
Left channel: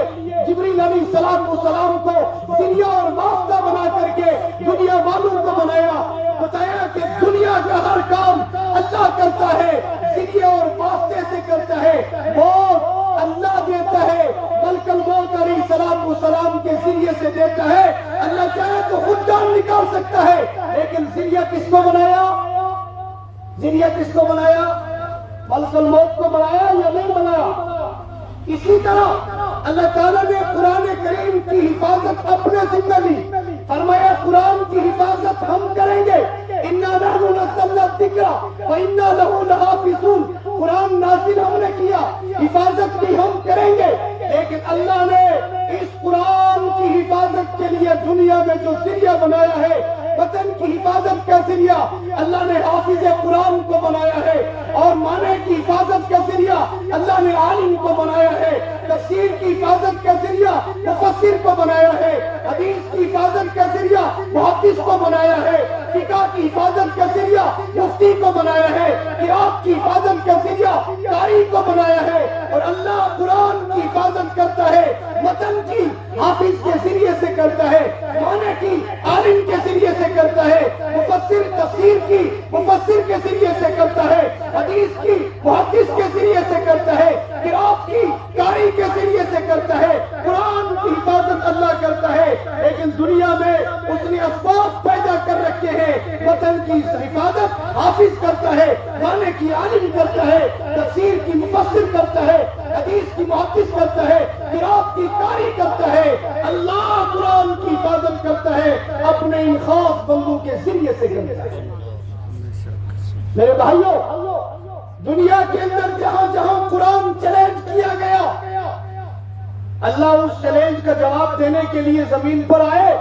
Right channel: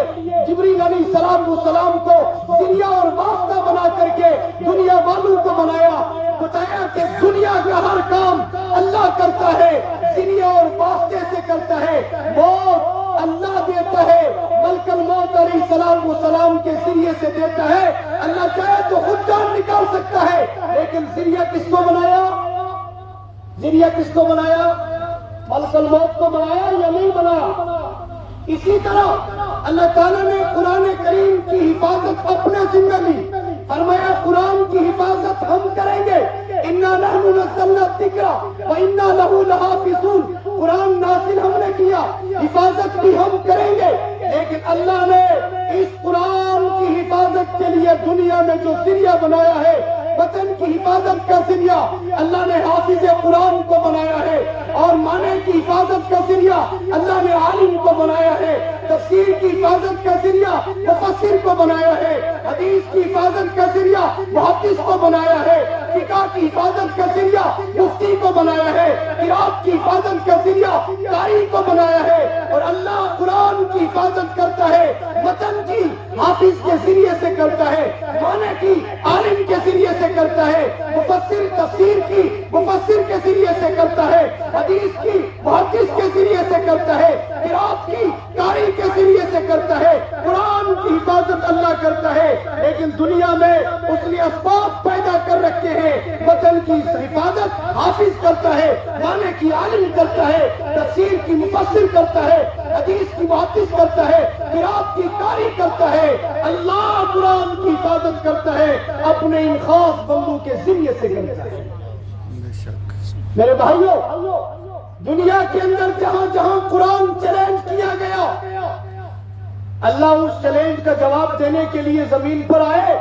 جبریل علیہ السلام کو ذریعہ اور واسطہ بنا کر کے دنیا والوں کو بنایا، بتایا کہ دنیا کا ہر کام اللہ کرتا ہے، ذریعہ اور واسطے سے کرتا ہے۔ موت اللہ دیتا ہے، ملک الموت علیہ السلام کے ذریعے سے دیتا ہے۔ اللہ چاہے تو خود جان نکال سکتا ہے، لیکن ذریعہ کس کو بنایا؟ ذریعہ کس کو بنایا؟ ملک الموت کو بنایا یا نہیں بنایا؟ اسی طرح اللہ تعالیٰ نے قرآن کریم کی حفاظت اپنے ذمہ لی، فرمایا قرآن کی حفاظت ہم کریں گے۔ اِنَّا نَحْنُ نَزَّلْنَا الذِّكْرَ وَإِنَّا لَهُ لَحَافِظُونَ۔ قرآن نازل ہم نے کیا، حفاظت بھی ہم کریں گے۔ لیکن اللہ نے اس قرآن کی حفاظت کے لیے دنیا میں جو ذریعہ بنایا ہے، وطن کی حفاظت کا ذریعہ اللہ نے حافظ قرآن کو بنایا ہے، اور معنی کی حفاظت کا ذریعہ اللہ نے عالم کو بنایا ہے، تفسیر کی حفاظت کا ذریعہ مفسر کو بنایا ہے، حدیث کی حفاظت کا ذریعہ محدث کو بنایا ہے، فقہ کی حفاظت کا ذریعہ مفتی کو بنایا ہے، قرات کی حفاظت کا ذریعہ قاری کو بنایا ہے، اور اللہ قرآن کی حفاظت کرتا ہے، متن کی حافظ کے ذریعے سے کرتا ہے، معنی کی عالم کے ذریعے سے کرتا ہے، مفسر تفسیر کی مفسر کے ذریعے سے کرتا ہے، حدیث کی محدث کے ذریعے سے کرتا ہے، قرات کی قاری کے ذریعے سے کرتا ہے، قرآن کی حفاظت اللہ کرتا ہے۔ لیکن دنیا میں اس نے اسباب پیدا کر رکھے ہیں، وطن کی حفاظت حافظ کرتا ہے، معنی کی عالم کرتا ہے، تفسیر کی مفسر کرتا ہے، حدیث کی محدث کرتا ہے، قرات کی قاری کرتا ہے۔ اللہ قرآن کی حفاظت کرتا ہے، اپنے ان خاص بندوں کے ذریعے سے کرتا ہے۔ میرے بھائیوں، دنیا کے اندر جہاں جہاں قرآن چیلنج کیا گیا، اللہ اس چیلنج کا جواب دینے کے لیے زمین پر آئے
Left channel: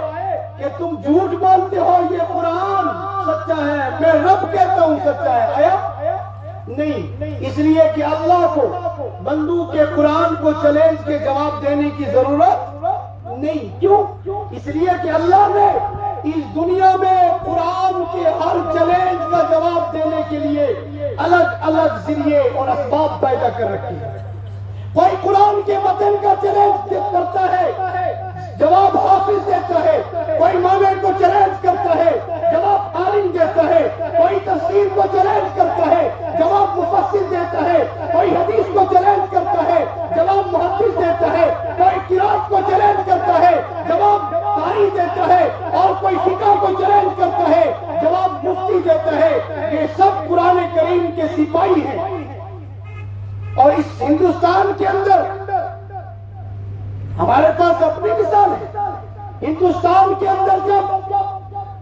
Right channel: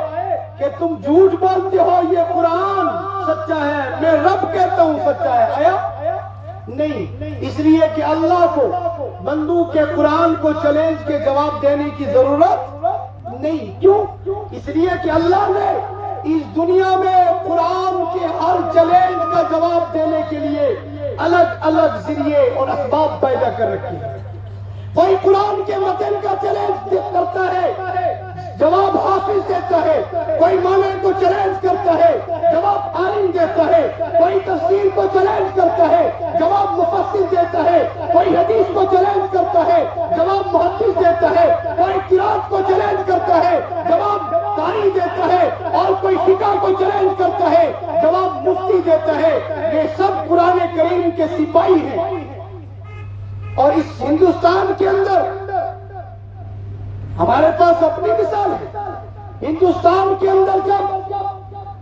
کہ تم جھوٹ بولتے ہو، یہ قرآن سچا ہے، میں رب کہتا ہوں سچا ہے۔ آیا نہیں، اس لیے کہ اللہ کو بندوں کے قرآن کو چیلنج کے جواب دینے کی ضرورت نہیں۔ کیوں؟ اس لیے کہ اللہ نے اس دنیا میں قرآن کے ہر چیلنج کا جواب دینے کے لیے الگ الگ ذریعے اور اسباب پیدا کر رکھے ہیں۔ کوئی قرآن کے متن کا چیلنج کرتا ہے، جواب حافظ دیتا ہے، کوئی معنی کو چیلنج کرتا ہے، جواب عالم دیتا ہے، کوئی تفسیر کو چیلنج کرتا ہے، جواب مفسر دیتا ہے، کوئی حدیث کو چیلنج کرتا ہے، جواب محدث دیتا ہے، کوئی قرات کو چیلنج کرتا ہے، جواب قاری دیتا ہے، اور کوئی فقہ کو چیلنج کرتا ہے، جواب مفتی دیتا ہے۔ یہ سب قرآن کریم کے سپاہی ہیں۔ اور اس ہندوستان کے اندر ہمارے پاس اپنی مثال ہے۔ ہندوستان کے اندر جب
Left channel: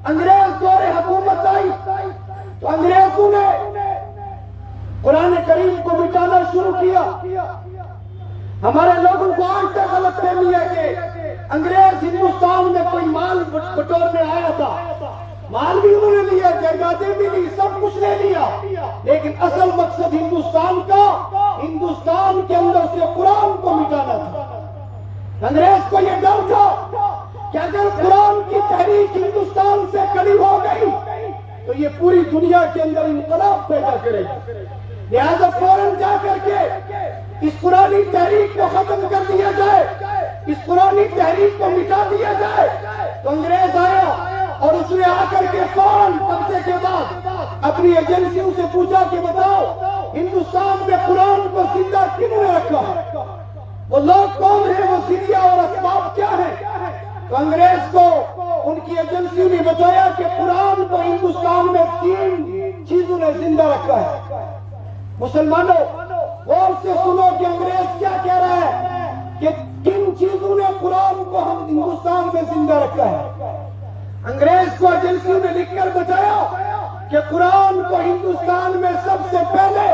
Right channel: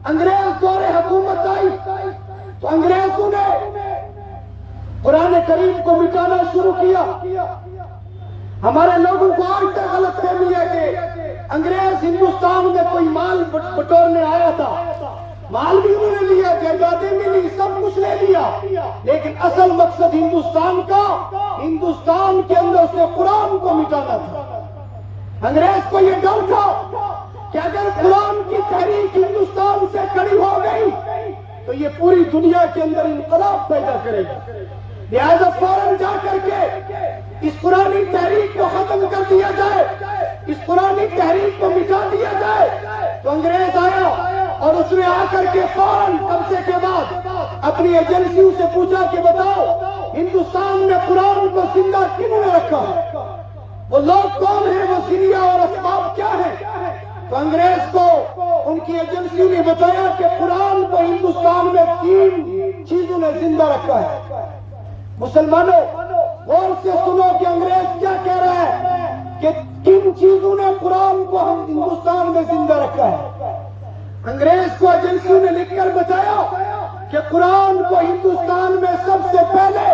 انگریز دور حکومت آئی تو انگریزوں نے قرآن کریم کو مٹانا شروع کیا۔ ہمارے لوگوں کو آج تک غلط فہمی ہے کہ انگریز ہندوستان میں کوئی مال بٹورنے آیا تھا۔ مال بھی انہوں نے لیا، جائیدادیں بھی لی، سب کچھ لے لیا، لیکن اصل مقصد ہندوستان کا، ہندوستان کے اندر سے قرآن کو مٹانا تھا۔ انگریز کو یہ ڈر تھا کہ اگر قرآن کی تحریک ہندوستان سے کھڑی ہو گئی تو یہ پوری دنیا کے اندر انقلاب پیدا کرے گی، لہذا فوراً جا کر کے اس قرآنی تحریک کو ختم کر دیا جائے، اس قرآنی تحریک کو مٹا دیا جائے۔ تو انگریز آیا اور اس نے آ کر کے فوراً قبضے کے بعد اپنی ایجنسیوں سے پوچھا کہ بتاؤ ہندوستان میں قرآن کو زندہ کیوں نے رکھا ہے، وہ لوگ کون ہیں، وہ ذریعہ اور اسباب کیا ہیں؟ تو انگریز کو ان کی ایجنسی نے بتایا کہ قرآن کو ہندوستان میں 3 چیزوں نے زندہ رکھا ہے۔ مسلمانوں غور سے سنو کہ انگریز کیا کہہ رہا ہے کہ کن چیزوں نے قرآن کو ہندوستان میں زندہ رکھا ہے۔ انگریز کو ایجنسیوں نے لکھ کر بتایا کہ قرآن کو ہندوستان میں سب سے پہلے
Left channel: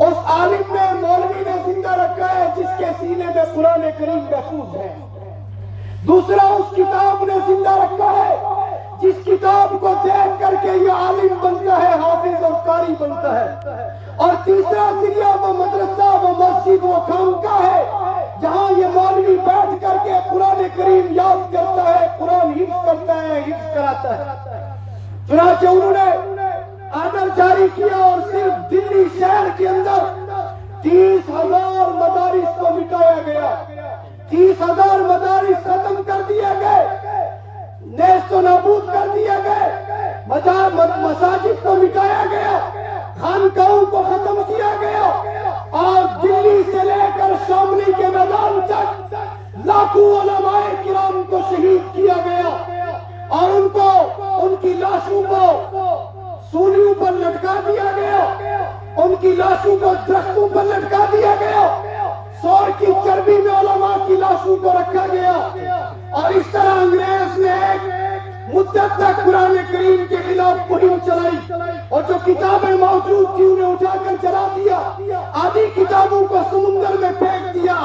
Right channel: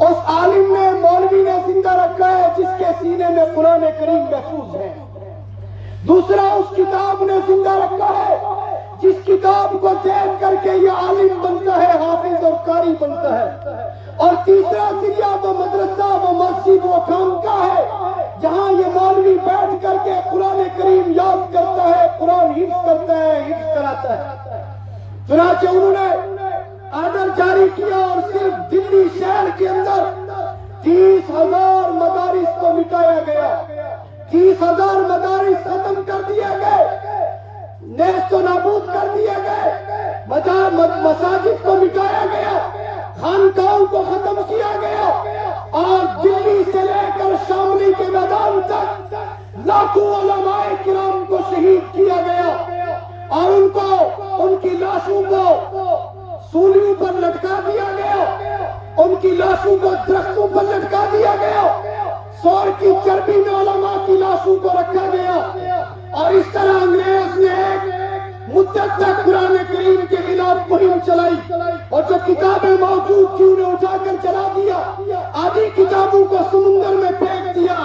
اس عالم نے، مولوی نے زندہ رکھا ہے جس کے سینے میں قرآن کریم محفوظ ہے۔ دوسرا، اس کتاب نے زندہ رکھا ہے جس کتاب کو دیکھ کر کے یہ عالم بنتا ہے، حافظ اور قاری بنتا ہے۔ اور تیسرا ذریعہ وہ مدرسہ، وہ مسجد، وہ خانقاہ ہے جہاں یہ مولوی بیٹھ کر کے قرآن کریم یاد کرتا ہے، قرآن حفظ کرتا ہے، حفظ کراتا ہے۔ چنانچہ انہوں نے آرڈر جاری کیا اور صرف دلی شہر کے اندر 30,000 مدارس کو مٹایا گیا، 30,000 مدارس ختم کر دیے گئے، نیست و نابود کر دیے گئے، مساجد کو مٹایا گیا، خانقاہوں کو ختم کیا گیا، اور دلی سے لے کر شاملی کے میدان تک لاکھوں علماء کرام کو شہید کیا گیا، اور ان کی لاشوں کو سولیوں پر لٹکا دیا گیا، ان کی لاشوں کو درختوں پر لٹکا دیا گیا، سور کی چربی میں علماء کی لاشوں کو رکھا گیا۔ اور اس طرح انگریز نے ایک مدت تک قرآن کریم کے خلاف مہم چلائی، اور جو کتابیں موجود تھی انہیں اٹھا کر جلا دیا، آدھی کتابوں کو سمندر میں پھینک دیا،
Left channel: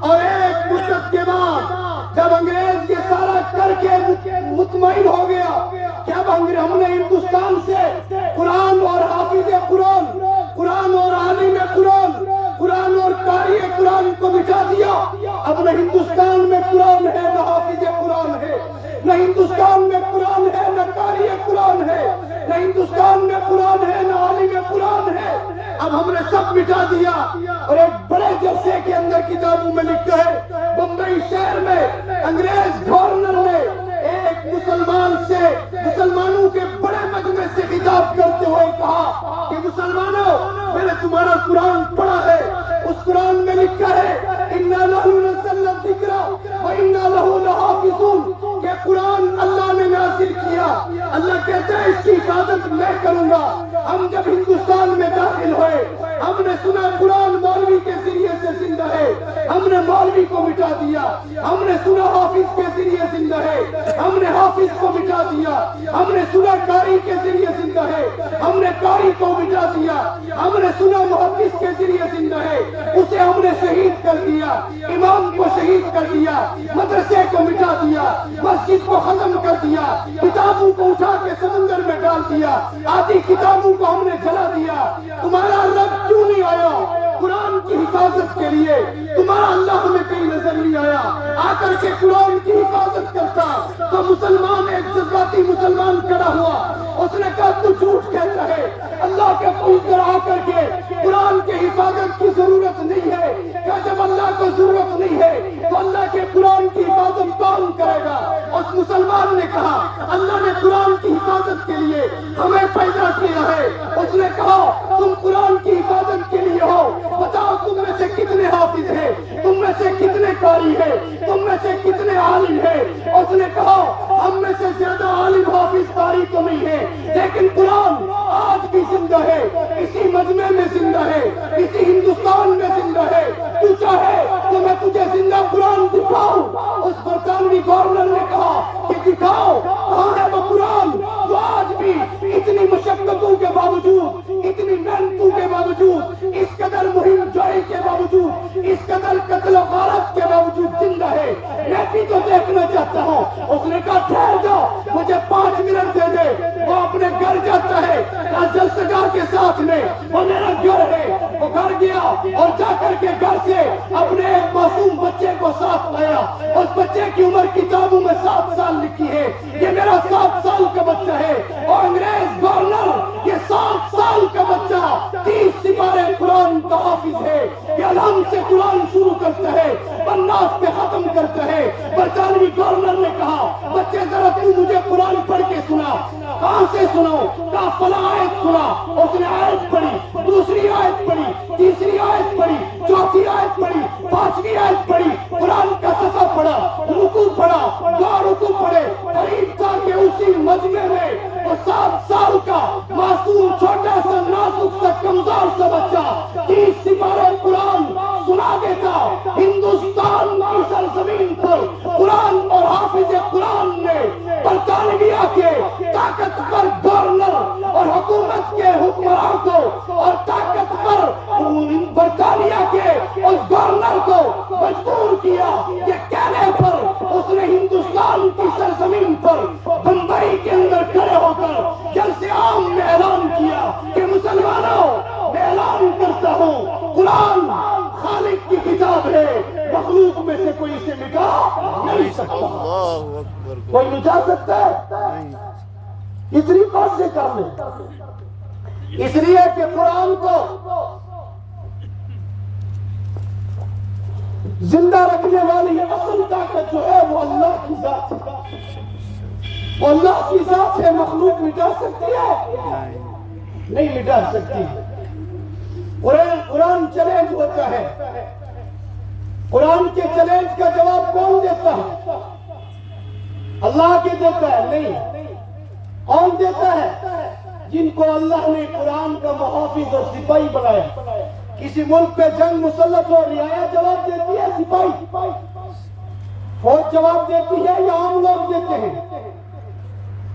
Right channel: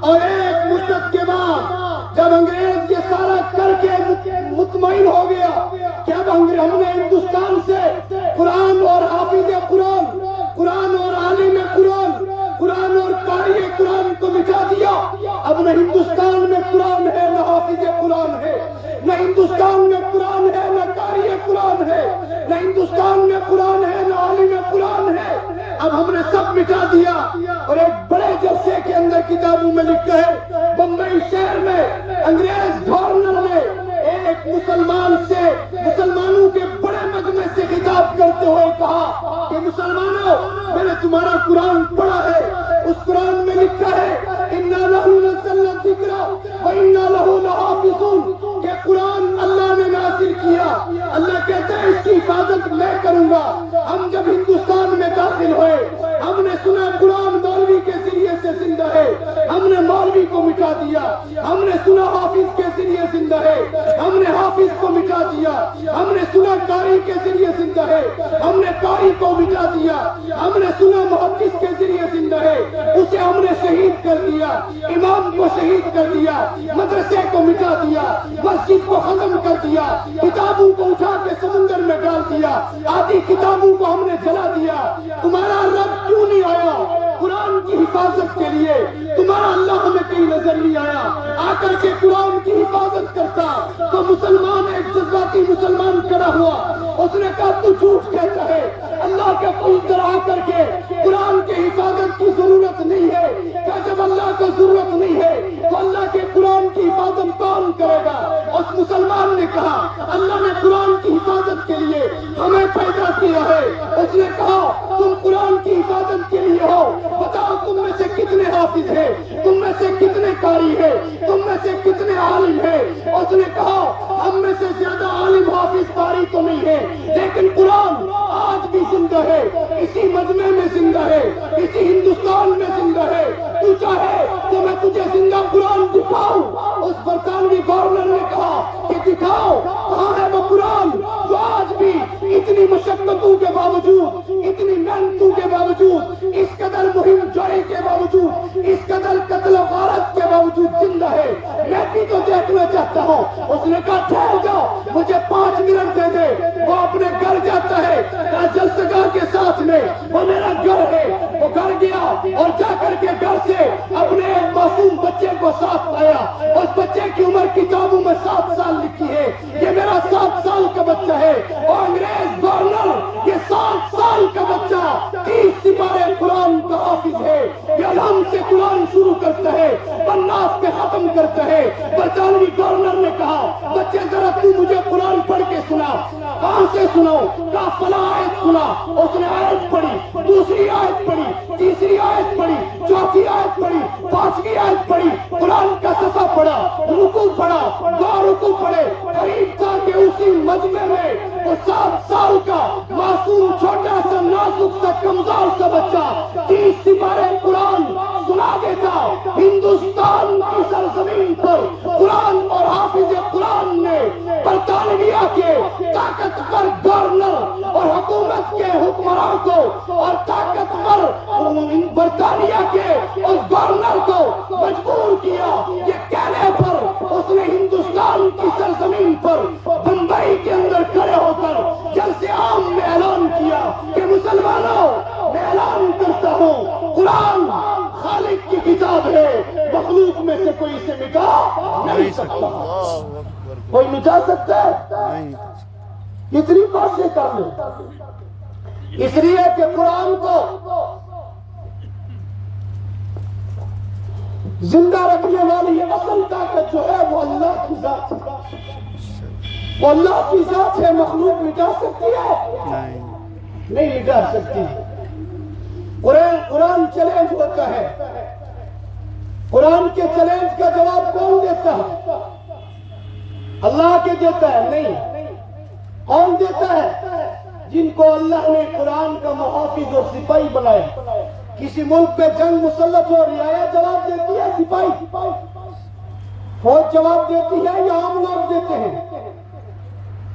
اور ایک مدت کے بعد جب انگریز یہ سارا کر کے مطمئن ہو گیا کہ اب ہم نے ہندوستان سے قرآن اور حافظ قرآن، قرآن اور عالم قرآن، قرآن اور قاری قرآن کو مٹا دیا، اب نہ ہندوستان میں قرآن ہے نہ حافظ قرآن ہے، نہ ہندوستان میں قرآن ہے نہ قاری قرآن ہے، نہ ہندوستان میں قرآن ہے نہ عالم قرآن ہے، اب ہم نے سب مٹا دیا۔ اور ایک بڑے جلسے کے اندر کتابوں میں لکھا ہے، بمبئی شہر میں انگریز گورنر نے ایک مسلمان سے، مسلمانوں کے بڑے مجمع سے خطاب کرتے ہوئے کہا کہ مسلمانوں، میں نے تمہارا قرآن پڑھا ہے، اس قرآن میں لکھا ہے اِنَّا نَحْنُ نَزَّلْنَا الذِّكْرَ وَإِنَّا لَهُ لَحَافِظُونَ، کہ قرآن اللہ نے نازل کیا، اللہ کہتا ہے اس کی حفاظت میں کروں گا۔ ہم جب ہندوستان میں داخل ہوئے، ہم نے سنا قرآن مولوی کے ذریعے سے زندہ ہے، ہم نے مولوی کو مٹا دیا، ہم نے سنا حافظ کے ذریعے زندہ ہے، ہم نے حافظ کو مٹا دیا، ہم نے سنا قاری کے ذریعے زندہ ہے، ہم نے قاری کو مٹا دیا، ہم نے سنا محدث کے ذریعے زندہ ہے، اسے ہم نے شہید کر دیا، امام کو شہید کر دیا، مدرسے کو مٹا دیا، مسجد کو ختم کر دیا، کتابوں کو اٹھا کے سمندر میں ڈال دیا، آدھی کتابوں کو ہم نے جلا دیا۔ تمہارا رب کیوں نہیں آیا قرآن کی حفاظت کے لیے؟ تمہارا اللہ ہمیں کہیں نظر نہیں آیا آ کر کے قرآن کی حفاظت کرتا تو مسلمان، ایک جذباتی مسلمان کھڑا ہوا، اس نے کہا تو جھوٹ کہتا ہے، اللہ کے پیغمبر آ کر کے قرآن کے حفاظت کی ضرورت نہیں ہے، کیا جب اللہ کو ضرورت نہیں ہے تو اللہ کے قرآن کی حفاظت کون کرے گا؟ اس مسلمان نے کہا اللہ نے قرآن کی حفاظت کے لیے ہمیں پیدا کیا ہے۔ اس نے کہا تم قرآن کی حفاظت کے لیے ہو، بتاؤ تم میں سے کتنے حافظ ہیں، تم میں سے کتنے قاری ہیں، تم میں سے کتنے عالم ہیں؟ اس نے کہا ہم میں سے زیادہ عالم حافظ قاری تو نہیں ہے، لیکن قرآن آج بھی زندہ ہے، اسی مجمع میں زندہ ہے، اسی ہندوستان میں زندہ ہے، تو چاہے تو میں تجھے زندہ قرآن دکھاؤں۔ اس برطانوی گورنر نے کہا کہ دکھاؤ کہاں ہے وہ قرآن جو آج بھی اتنی مشقتوں کے باوجود، اتنی محنتوں کے باوجود، اس قدر مہم جوئی کے باوجود، اس قدر قتل و غارت کے باوجود زندہ ہے۔ میں بھی تو دیکھنا چاہتا ہوں۔ اس نے کہا ٹھہر جاؤ، مجھے 5 منٹ دے دے۔ وہ اپنے گھر جاتا ہے، جلسگاہ کے ساتھ میں وہ میرا گھر ہے، وہ گھر گیا اور جا کر کے گھر سے اپنے ایک معصوم بچے کو ساتھ آیا۔ اس بچے کی عمر کتابوں میں 7 سال لکھی ہے، یہ میرا 7 سال کا بچہ ہے۔ اور انگریز گورنر یہ 7 سال کا بچہ 30 سپارے قرآن کا حافظ ہے، یہ الحمد سے قرآن شروع کرتا ہے، بناس پہ ختم کرتا ہے۔ برطانوی گورنر نے کہا بچے ذرا تو مجھے قرآن پڑھ کے سنا۔ کہاں سے سناؤ؟ کہا فلاں آیت سنا۔ اس نے آیت پڑھی، دوسری آیت پڑھی، تیسری آیت پڑھی، چوتھی آیت پڑھی، 5ویں آیت پڑھی، قرآن کا صفحہ پڑھا، رکوع پڑھا، 2 رکوع پڑھے۔ قریب تھا کہ اسی مجمع میں وہ 7 سال کا معصوم چھوٹا سا نازک سا کمزور سا بچہ 30 سپارے قرآن سنا دیتا۔ ہندوستان کی سرزمین پر قرآن اور حافظ قرآن نے برطانیہ کے طاقتور گورنر اور حکومت کے حکمراں کو اور طاقتور برطانیہ کے اس گورنر کو مجبور کیا، یہ کہنے پر اس نے ہندوستان کی سرزمین پر بمبئی کے اندر کھڑے ہو کر جلسے عام میں اعلان کیا کہ مسلمانوں میں اعلان کرتا ہوں قرآن خالق کی کتاب ہے، مخلوق میں سے کوئی اسے مٹا نہیں سکتا۔ کوئی مٹا سکتا ہے؟ اتنی بات سے کر لیں، اس لیے کہ قرآن کو زندہ رکھنے والی اصل طاقت جو ہے وہ اللہ کی ذات ہے، وہ اللہ کی ذات ہے۔ مخلوق مٹا سکتی ہے؟ نہیں مٹا سکتی۔ قرآن چیلنج ہوتا ہے، قرآن کے چیلنج کا جواب کون دیتا ہے؟ اللہ کے دیتا ہے؟ نہیں۔ کون دیتا ہے؟ جن کو اللہ نے قرآن کا محافظ اور سپاہی بنایا۔ کسی ملک پہ جنگ مسلط ہو رہا ہے، جواب دیتی ہے سپاہی، فوج جواب دیتی ہے یا عام لوگ دیتے ہیں؟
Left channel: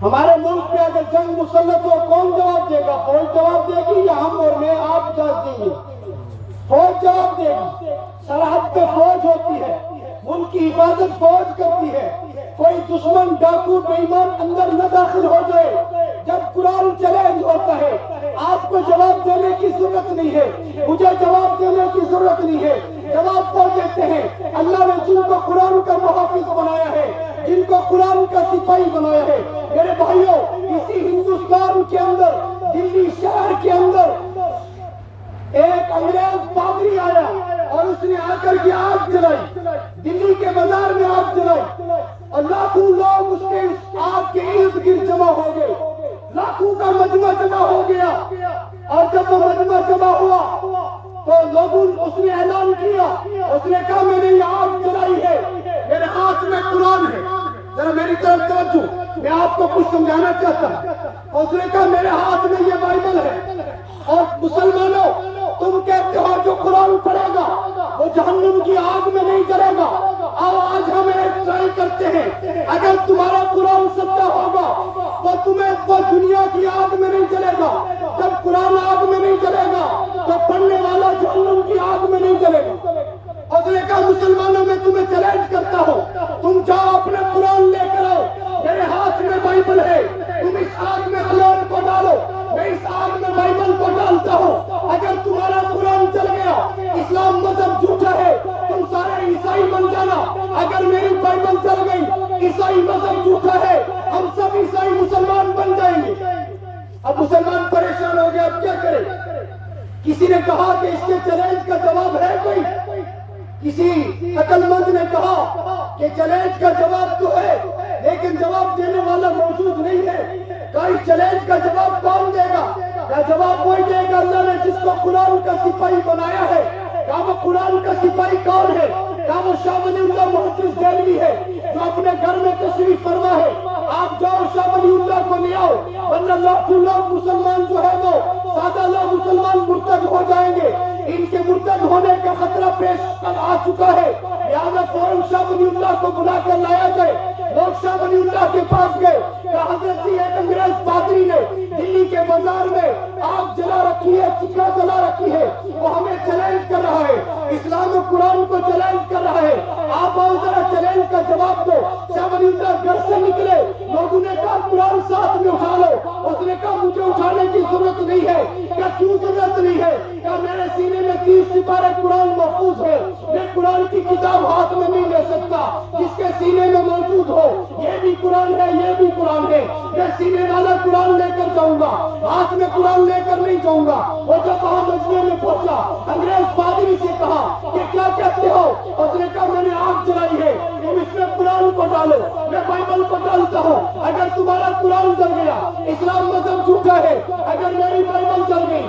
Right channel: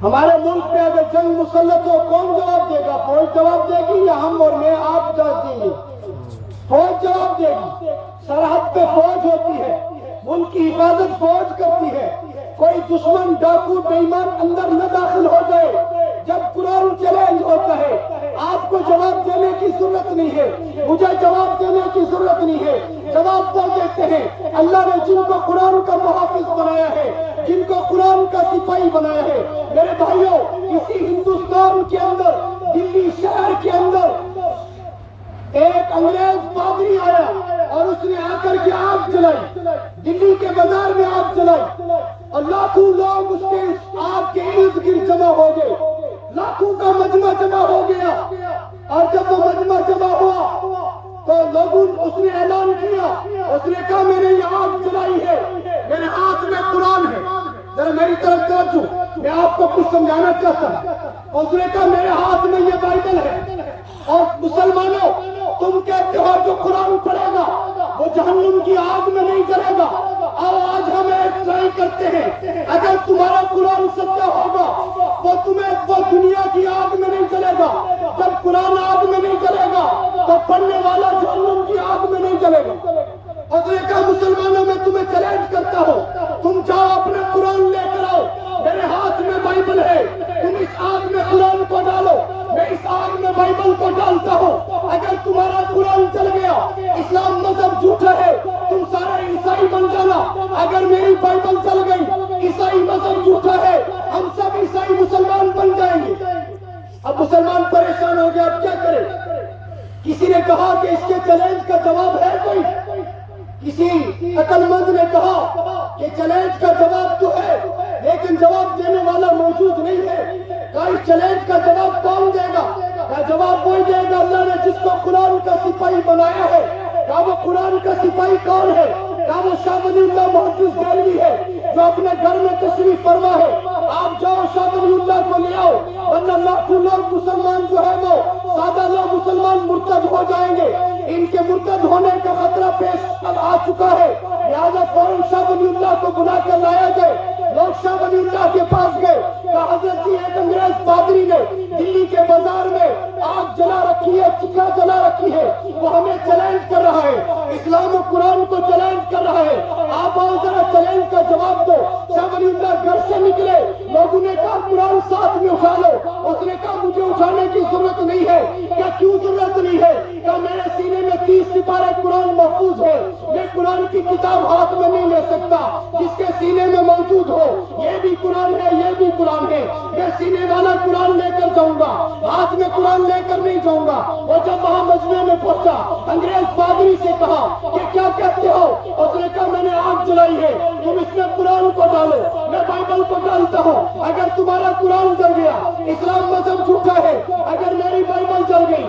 ہمارے ملک پہ اگر جنگ مسلط ہو کون جواب دے گا؟ فوج جواب دے گی یا ہم اور میں آپ جواب دیں گے؟ فوج جواب دے گی. سرحد پہ فوج ہوتی ہے, ملک کی حفاظت فوج کرتی ہے. کوئی دشمن ڈاکو بے ایمان اندر نہ داخل ہو جائے. جب قرآن چیلنج ہوتا ہے, آپ کو جواب دینے کی ضرورت نہیں ہے, مجھے جواب دینے کی ضرورت نہیں ہے. جواب وہ دیتے ہیں اللہ نے جن کو قرآن کا محافظ بنایا ہے, جن کو قرآن کا سپاہی بنایا ہے. میرے بھائیوں, اسی ہندوستان کے اندر, دلی شہر کے اندر ایک انگریز پادری آیا اور اس نے آ کر کے آگ جلائی, دلی کے بازار میں آگ جلائی, اور لاکھوں لوگ اس کے آگ کے ارد گرد جمع ہو گئے. لاکھوں کا مجمع جمع ہو گیا, اور جب وہ مجمع جمع ہوا تو لوگوں اس نے اعلان کیا, اس نے کہا میں نے یہ آگ جلائی ہے, میرے ہاتھ میں قرآن ہے. ذرا میری طرف توجہ, میں آپ کو کچھ سمجھانا چاہتا ہوں. اس نے کہا میرے ہاتھ میں یہ بائبل ہے, اور مسلمانوں تم کہتے ہو جو قرآن پڑھے گا وہ جہنم کی آگ میں نہیں جلے گا. اور آج ہم ایک ٹرائی کرتے ہیں, اگر تمہارا قرآن سچا ہوگا وہ دنیا کی آگ میں نہیں جلے گا. جب قرآن آگ میں نہیں جلے گا تو پڑھنے والا جہنم کی آگ میں نہیں جلے گا. اور نے کہا مسلمانوں میں تمہیں چیلنج کرتا ہوں, تم جاؤ اپنا قرآن لے کر آؤ, میرے ہاتھ میں بائبل ہے, تم اس آگ میں قرآن کو ڈالو, میں اس آگ میں بائبل کو ڈالتا ہوں. اگر تمہارا قرآن چل گیا, اسلام مذہب جھوٹا ہے, تم سارے عیسائی بن جانا. اگر میری بائبل چل گئی, عیسائی مذہب جھوٹا ہے, ہم سب عیسائی مسلمان بن جائیں گے. اب مسلمان پریشان ہو گئے, اب کیا کرے؟ کسی نے کہا کہ اس کے چیلنج کا جواب ہے کوئی؟ کسی عقل مند نے کہا کہ چیلنج کا جواب تو ہے, لیکن جواب دینے والا موجود نہیں ہے. اس چیلنج کا جواب کون دے گا؟ کیا جواب وہی دے گا اللہ نے جس کو قرآن کا سپاہی بنایا ہے. کیا وہ قرآن کا سپاہی کون ہے؟ کیا وہ شاہ ولی اللہ محدث دہلوی ہے جو اپنے گھر میں تشریف فرما ہے؟ آپ جاؤ شاہ ولی اللہ کو لے آؤ, ورنہ لاکھوں لوگ مسلمان جو ہے وہ سادہ لوگ مسلمان مرتد ہو جائیں گے. ان کے مرتد ہونے کا خطرہ پیش آ چکا ہے, لہٰذا فوراً شاہ ولی اللہ کو بلا کر لایا جائے. لوگ شاہ ولی اللہ کے پاس گئے, کہ حضرت جی ایک انگریز پادری نے دلی کے بازار میں آگ جلا رکھی ہے, چکا جلا رکھی ہے, وہ ہمیں چیلنج کر رہا ہے, اسلام و قرآن کو چیلنج کر رہا ہے. آپ آؤ ذرا چیلنج کا جواب دو. شاہ ولی اللہ گھر سے نکلے, لوگوں نے کہا قرآن ساتھ میں اٹھا لو. اس نے کہا مجھے اٹھانے کی ضرورت نہیں ہے. کیا کیوں ضرورت نہیں ہے؟ کہ میرے سینے میں 30 سپارے قرآن محفوظ ہے, میں قرآن کی کتاب ہاتھ میں نہیں لے سکتا. جس کے سینے میں موجود ہو, یہ بھی قرآن ہے, یہ بھی قرآن ہے, میں سینے والا قرآن لے کر جاؤں گا, ہاتھ میں قرآن لے کر نہیں جاؤں گا. وہ جب وہاں مجمع میں پہنچا, انگریز پادری سے کہا کہ کیا کہتے ہو؟ اس نے کہا میں نے آگ جلائی ہے, تم اس میں قرآن کو ڈالو, میں بائبل کو ڈالتا ہوں. اگر تمہارا قرآن جل گیا, اسلام مذہب جھوٹا ہے. اگر میری بائبل جل گئی,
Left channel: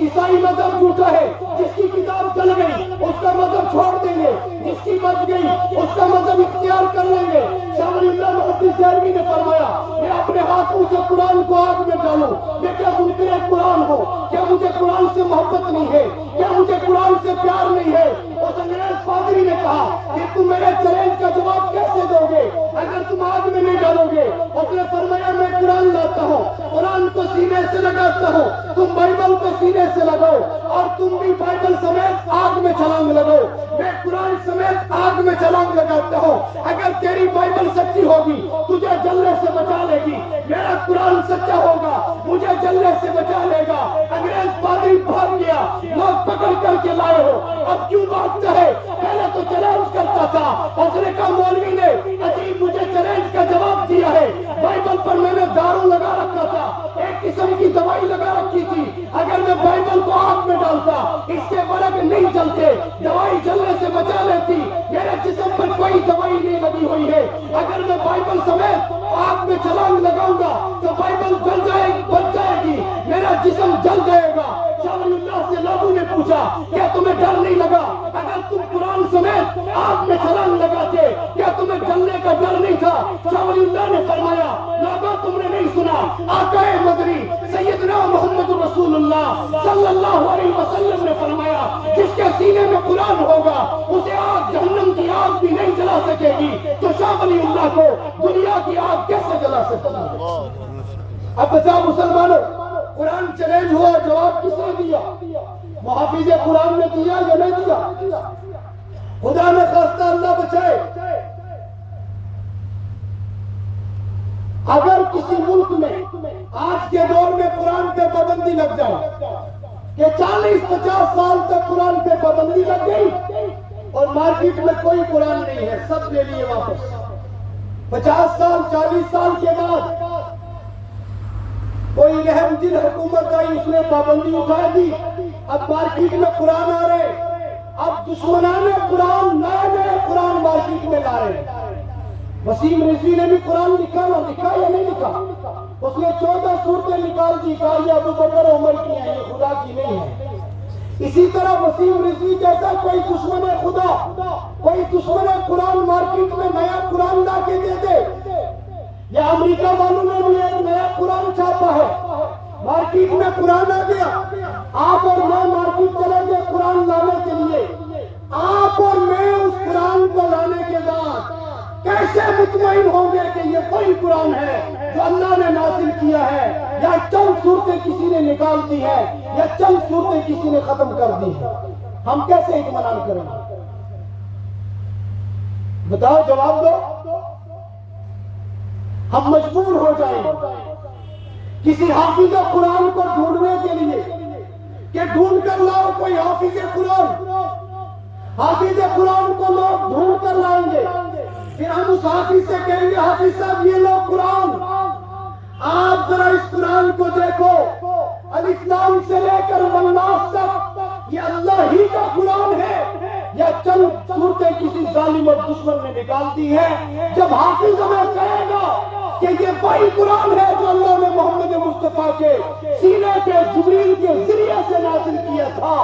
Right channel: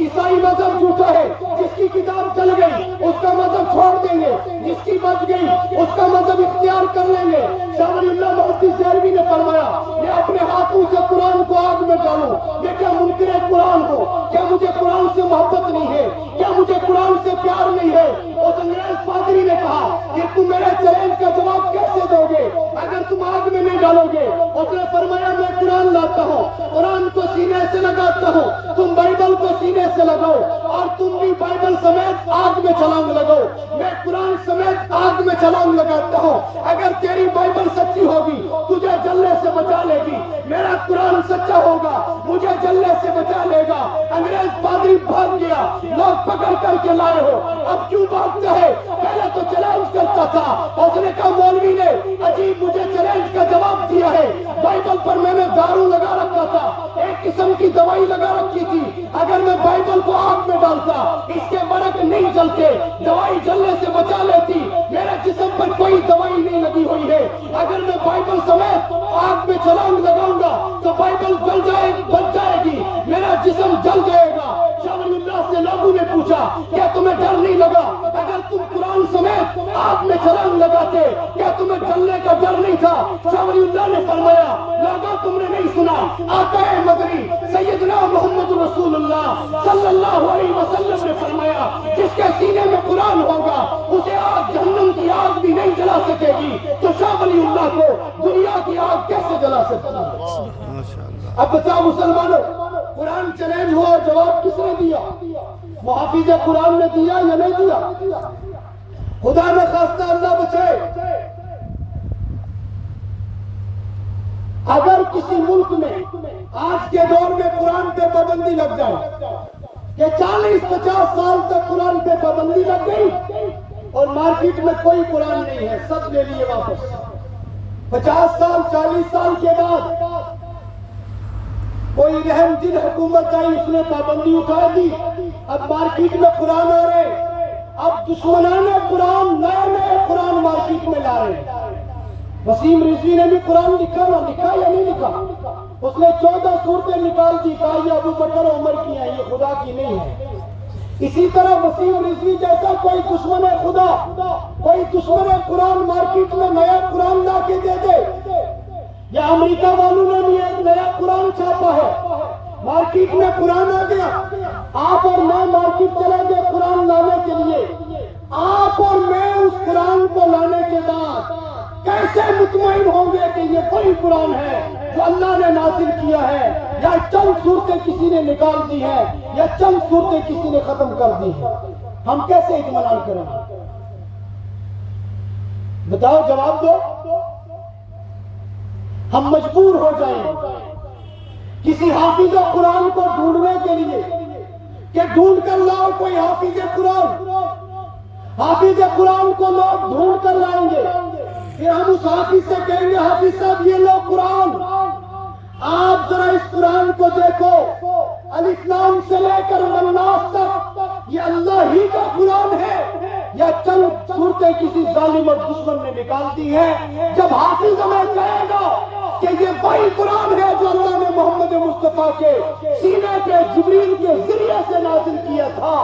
عیسائی مذہب جھوٹا ہے, جس کی کتاب چل گئی اس کا مذہب چھوڑ دیں گے, جس کی بچ گئی اس کا مذہب اختیار کر لیں گے. شاہ ولی اللہ محدث دہلوی نے فرمایا میں اپنے ہاتھوں سے قرآن کو آگ میں ڈالوں, میں کیا منکر قرآن ہوں؟ کیا مجھے قرآن سے محبت نہیں ہے؟ کیا مجھے قرآن سے پیار نہیں ہے؟ اس انگریز پادری نے کہا کہ تم میرے چیلنج کا جواب کیسے دو گے اگر تم آگ میں نہیں ڈالو گے؟ اس نے فرمایا میں قرآن لاتا ہوں, قرآن کو سینے سے لگاتا ہوں, تم بائبل کو سینے سے لگاؤ, اور تم بھی بائبل سمیت آگ میں چھلانگ لگاؤ. میں قرآن سمیت آگ میں چھلانگ لگاتا ہوں. اگر تیری بائبل سچی ہوگی تجھے جلنے سے بچا لے گی, میرا قرآن سچا ہوگا مجھے جلنے سے بچا لے گا. انگریز پادری بھاگ گیا, لوگ پکڑ کر کے لائے ہو, اب کیوں بھاگتا ہے؟ پہلے تو چیلنج کرتا تھا. اس نے کہا مولوی نے عجیب مجھے چیلنج کا جواب دیا ہے, بائبل پر میں نے دارو لگا رکھا تھا, ایک قسم کی دوائی لگا رکھی تھی. اگر میں بائبل کو آگ میں ڈالتا اس کے برق نہیں جلتے, دوائی جلنے سے بچا لیتی. میرے جسم پر کوئی دوائی نہیں لگی ہوئی ہے. اگر میں بائبل سمیت آگ میں چھلانگ لگاؤں گا تو بائبل بچ جائے گی, میرا جسم جل جائے گا. شاہ ولی اللہ سے لوگوں نے پوچھا کیا تمہیں ڈر نہیں لگا اگر تم قرآن سمیت آگ میں چھلانگ لگاتے؟ کیا تمہیں جلنے کا ڈر نہیں تھا؟ شاہ ولی اللہ نے فرمایا لوگوں تم نے نہیں سنا, آقا مدنی سیدنا محمد رسول اللہ صلی اللہ علیہ وسلم نے فرمایا جس کے سینے میں قرآن ہوگا اسے آگ جہنم کی آگ بھی نہیں جلا سکے گی. تو شاہ ولی اللہ کو دنیا کی آگ کیسے جلا سکتا ہے؟ اب بتاؤ مسلمانوں, قرآن چیلنج ہوا, جواب کس نے دیا؟ محافظ قرآن نے دیا یا نہیں دیا؟ خدا نے خواستہ اللہ بچائے، اگر کسی ملک میں آج کے دور میں قرآن پہ پابندی لگ جائے کہ 40-50 سال تک قرآن پہ پابندی لگ گئی اور مارکیٹ میں کوئی قرآن نہیں ہے، سب لے لیے واپس، 50 سال 40 سال کے بعد کوئی رحم دل حکومت آئی، اس نے پابندی اٹھا دی، اب مارکیٹ میں قرآن آ رہے، اب دشمنان قرآن نئے نئے قرآن مارکیٹ میں لا رہے ہیں۔ وسیم رضوی نے بھی قرآن لکھا یا نہیں لکھا؟ اس نے 14 صورتیں نکال دی، کہا یہ ابو بکر عمر کی ہیں، یہ خدا کی نہیں ہے۔ اسی طرح وسیم رضوی جیسا کوئی دشمن خدا، کوئی دشمن قرآن مارکیٹ میں نیا قرآن لا کے دے دے، یا امریکہ والوں نے بھی ایک نیا قرآن چھاپا ہے، مارکیٹ میں قرآن آ گیا، آپ اور میں مارکیٹ چلیں گے قرآن لانے کے لیے، آپ اور میں اس قرآن کو لانے کے بعد کیسے مطمئن ہوں گے کہ یہ وہی قرآن ہے جو اللہ نے نازل کیا ہے، یا چند صورتیں کسی نے نکال دی ہیں، یا چند صورتیں کسی نے ختم کر دی ہیں؟ ہم کیسے اطمینان کریں گے؟ بتاؤ، جواب دو۔ ہم مجبور ہو جائیں گے کسی حافظ قرآن کو ڈھونڈنے کے لیے کہ ڈھونڈ کر لاؤ کوئی حافظ قرآن، حافظ قرآن کو لوگ ڈھونڈ کر لائیں گے، پھر ہم اس حافظ سے کہیں گے حافظ صاحب یہ لو قرآن، آپ ذرا اس قرآن کو دیکھو، الف لام سے لے کر والناس تک یہ اللہ ہی کا قرآن ہے یا چند صورتیں کسی ظالم اور دشمن نے نکال دی ہیں؟ جب حافظ ہمیں کہے گا کہ یہ وہی قرآن ہے جو اللہ نے محمد مصطفیٰ کے سینے پہ جبریل کے ذریعے سے نازل کیا تھا،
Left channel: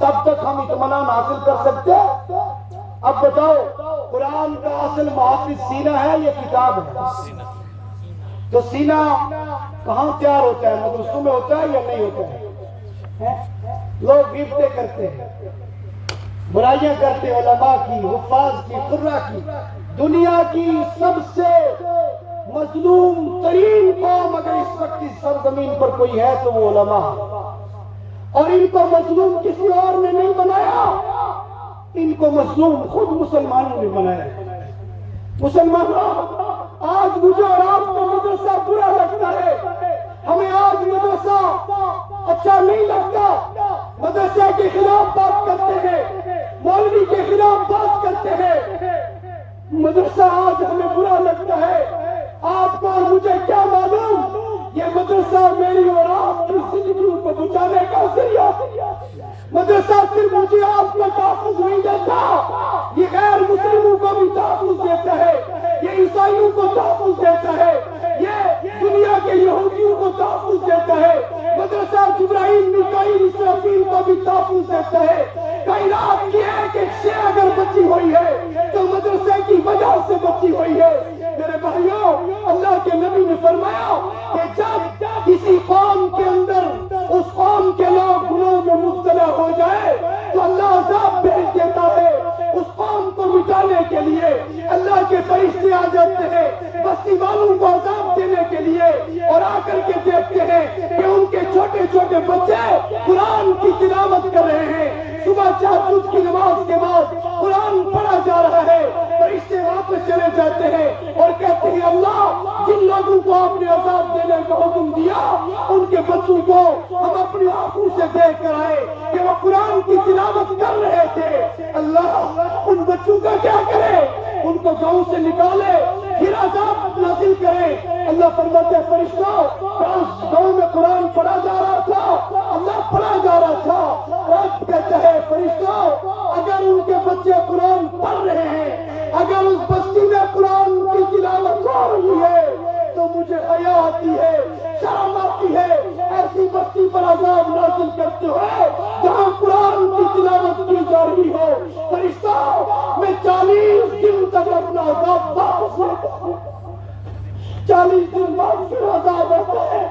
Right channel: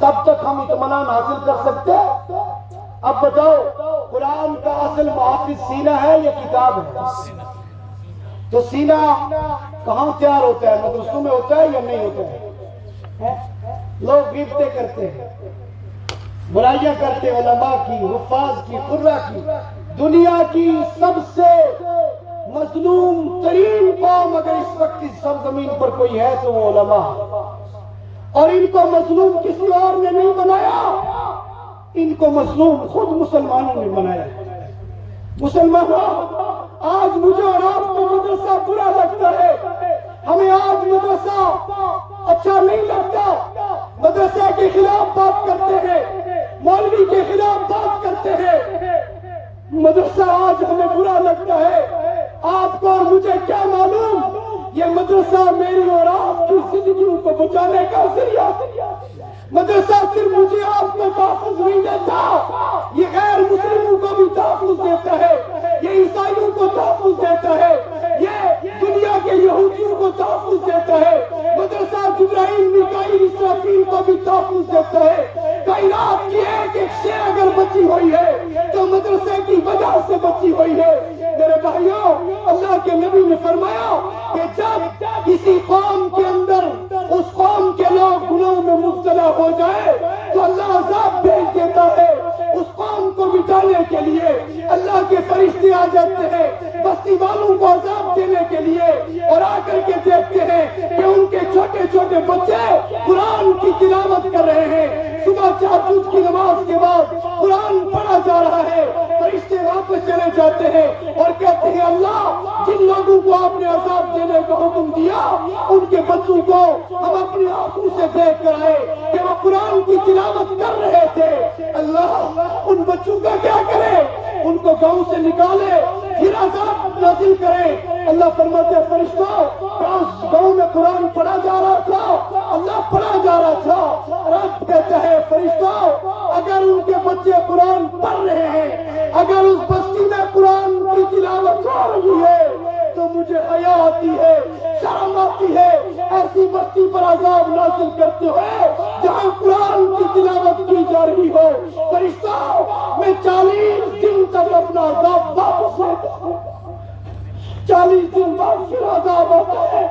تب تک ہم اطمینان حاصل کر سکتے ہیں۔ اب بتاؤ، قرآن کا اصل محافظ سینہ ہے یا کتاب ہے؟ تو سینہ کہاں تیار ہوتا ہے؟ مدرسوں میں ہوتا ہے یا نہیں ہوتا ہے؟ لوگ غیبتیں کرتے ہیں، برائیاں کرتے ہیں، علماء کی، حفاظ کی، قراء کی، دنیا کی سب سے مظلوم ترین قوم اگر اس وقت کی سرزمین پر کوئی ہے تو وہ علماء، اور ان کو مظلوم کسی اور نے نہیں بنایا، ان کو مظلوم خود مسلمانوں نے بنایا۔ مسلمانوں، آج مجھے اور آپ کو مدرسہ برا لگتا ہے، ہمیں آج مدرسہ اچھا نہیں لگتا، مدرسے کے خلاف بات کرتے ہیں، مولوی کے خلاف بات کرتے ہیں، مدرسہ آج ہمیں برا لگتا ہے۔ آپ کو اور مجھے کیا معلوم، یہ مدرسہ میری اور آپ کی زندگیوں کو بچانے کا ذریعہ، مدرسہ صرف مجھے آپ کو تحفظ نہیں دیتا، یہ غیر مسلموں کو بھی تحفظ دیتا ہے، یہ عیسائیوں کو تحفظ دیتا ہے، یہ دنیا کے یہودیوں کو تحفظ دیتا ہے، مدرسہ جبرائیل میکائیل اسرافیل کو بھی تحفظ دیتا ہے۔ کائنات کی ایک شے اگر بچی ہوئی ہے تو مدرسے کی وجہ سے بچی ہوئی ہے۔ میرے بھائیوں، اللہ کے نبی نے فرمایا کہ جب کسی قوم کے اندر اس قوم کے لوگ گناہوں میں مبتلا ہو جائے تو اللہ عذاب بھیج دیتا ہے، اس قوم کو مٹانے کے لیے اللہ کے فرشتے آ جاتے ہیں بستی والوں کو عذاب دینے کے لیے، اور آ کر کے دیکھتے ہیں کہ ان کے چھوٹے چھوٹے بچے قرآن کی تلاوت کر رہے ہیں، صبح تہجد کی نماز کے بعد قرآن پڑھا جا رہا ہے، فرشتے واپس چلے جاتے ہیں اور کہتے ہیں اللہ جن لوگوں کو آپ نے عذاب دینے کا حکم دیا ان کے بچوں کو ہم اپنی آنکھوں سے دیکھ کر آئے کہ وہ قرآن کی تلاوت کر رہے تھے، اللہ ان بچوں کا کیا کرے؟ ان کو گاؤں سے نکالے، پھر عذاب نازل کرے۔ اللہ فرماتے ہیں فرشتوں، گاؤں میں قرآن پڑھا جا رہا تھا، اللہ پڑھا جا رہا تھا، رب کہتا ہے فرشتوں اگر ان کے بچے قرآن پڑھ رہے ہیں، اگر اس بستی میں قرآن کی تلاوت ہو رہی ہے تو مجھے حیا آتی ہے، شرم آتی ہے ایسی بستی پر عذاب نازل کرتے ہوئے جہاں قرآن کی تلاوت کی جا رہی ہو۔ فرشتوں میں 40 دن تک اپنا عذاب واپس لیتا ہوں، 40 دن بعد پھر عذاب آتا ہے،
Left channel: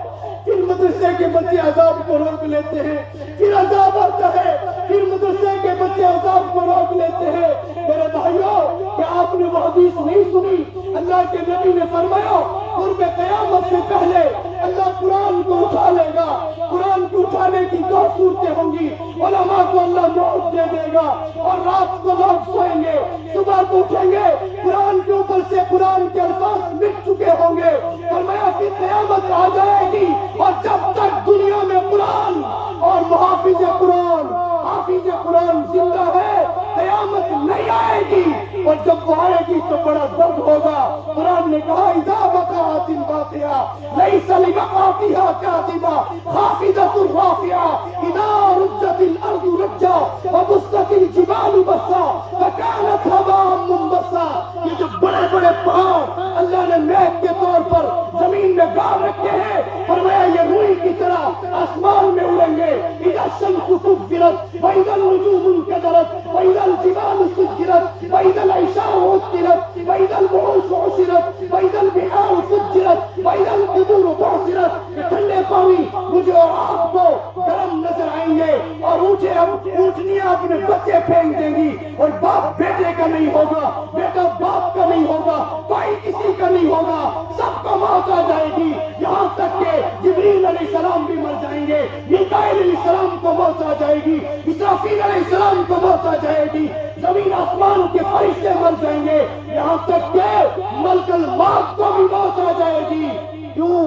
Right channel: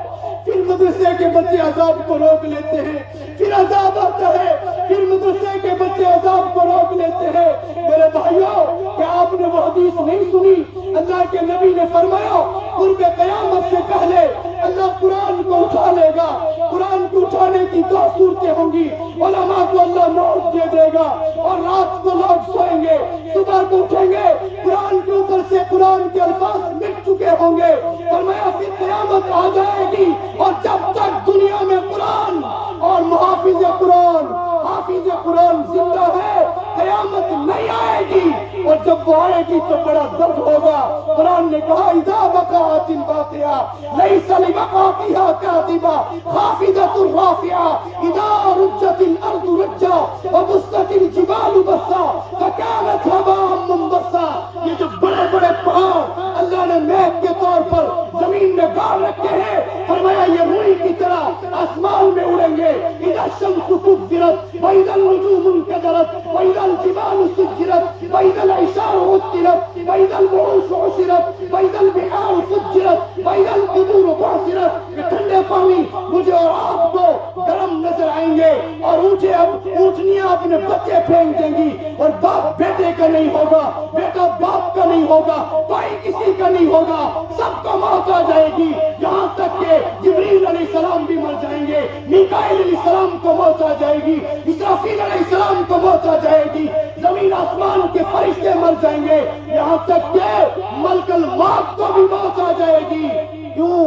پھر مدرسے کے بچے عذاب کو روک لیتے ہیں، پھر عذاب آتا ہے، پھر مدرسے کے بچے عذاب کو روک لیتے ہیں۔ میرے بھائیوں، کیا آپ نے وہ حدیث نہیں سنی؟ اللہ کے نبی نے فرمایا قرب قیامت سے پہلے اللہ قرآن کو اٹھا لے گا. قرآن کو اٹھانے کی دو صورتیں ہوں گی. علماء کو اللہ موت دے دے گا اور رات کو لوگ سوئیں گے, صبح کو اٹھیں گے, قرآن کے اوپر سے قرآن کے الفاظ مٹ چکے ہوں گے. فرمایا پھر قیامت آ جائے گی اور جب تک دنیا میں قرآن اور محافظ قرآن حافظ قرآن زندہ ہے قیامت نہیں آئے گی. اور جب وہ آئے گی تو بڑا درد ہوگا. قرآن نے کہا اذا وقعت الواقعہ لیس لوقعتها کاذبہ خافضۃ رافعہ اذا رجت الارض رجا وبست الجبال بسا فكانت هباء منبثا. یہ جو بڑے بڑے پہاڑ اللہ نے میپ کے طور پر زمین میں گاڑ رکھے ہیں, فرمایا یہ روئی کی طرح آسمان میں اڑیں گے. اذا الشمس كبرت واذا النجوم انكدرت واذا الجبال سجرت واذا العشار عطلت واذا الوحوش حشرت واذا البحار فجرت واذا القبور بعثرت. یہ ٹھنڈے پانی مجھے اور آپ کو گرم نظر آئیں گے اور اونٹنیاں اپنے بچے پھینک دیں گی اور باپ بیٹے کا نہیں ہوگا, بیٹا باپ کا نہیں ہوگا, بھائی کسی کا نہیں ہوگا, سب کو موت آ جائے گی. یہاں تک کہ جبریل علیہ السلام بھی مر جائیں گے, میکائیل علیہ السلام کو موت آ جائے گی, اسرافیل علیہ السلام کو موت آ جائے گی, زمین آسمان کے فرشتے مر جائیں گے, یہاں تک کہ ملک الموت کو بھی موت آ جائے گی. کیوں؟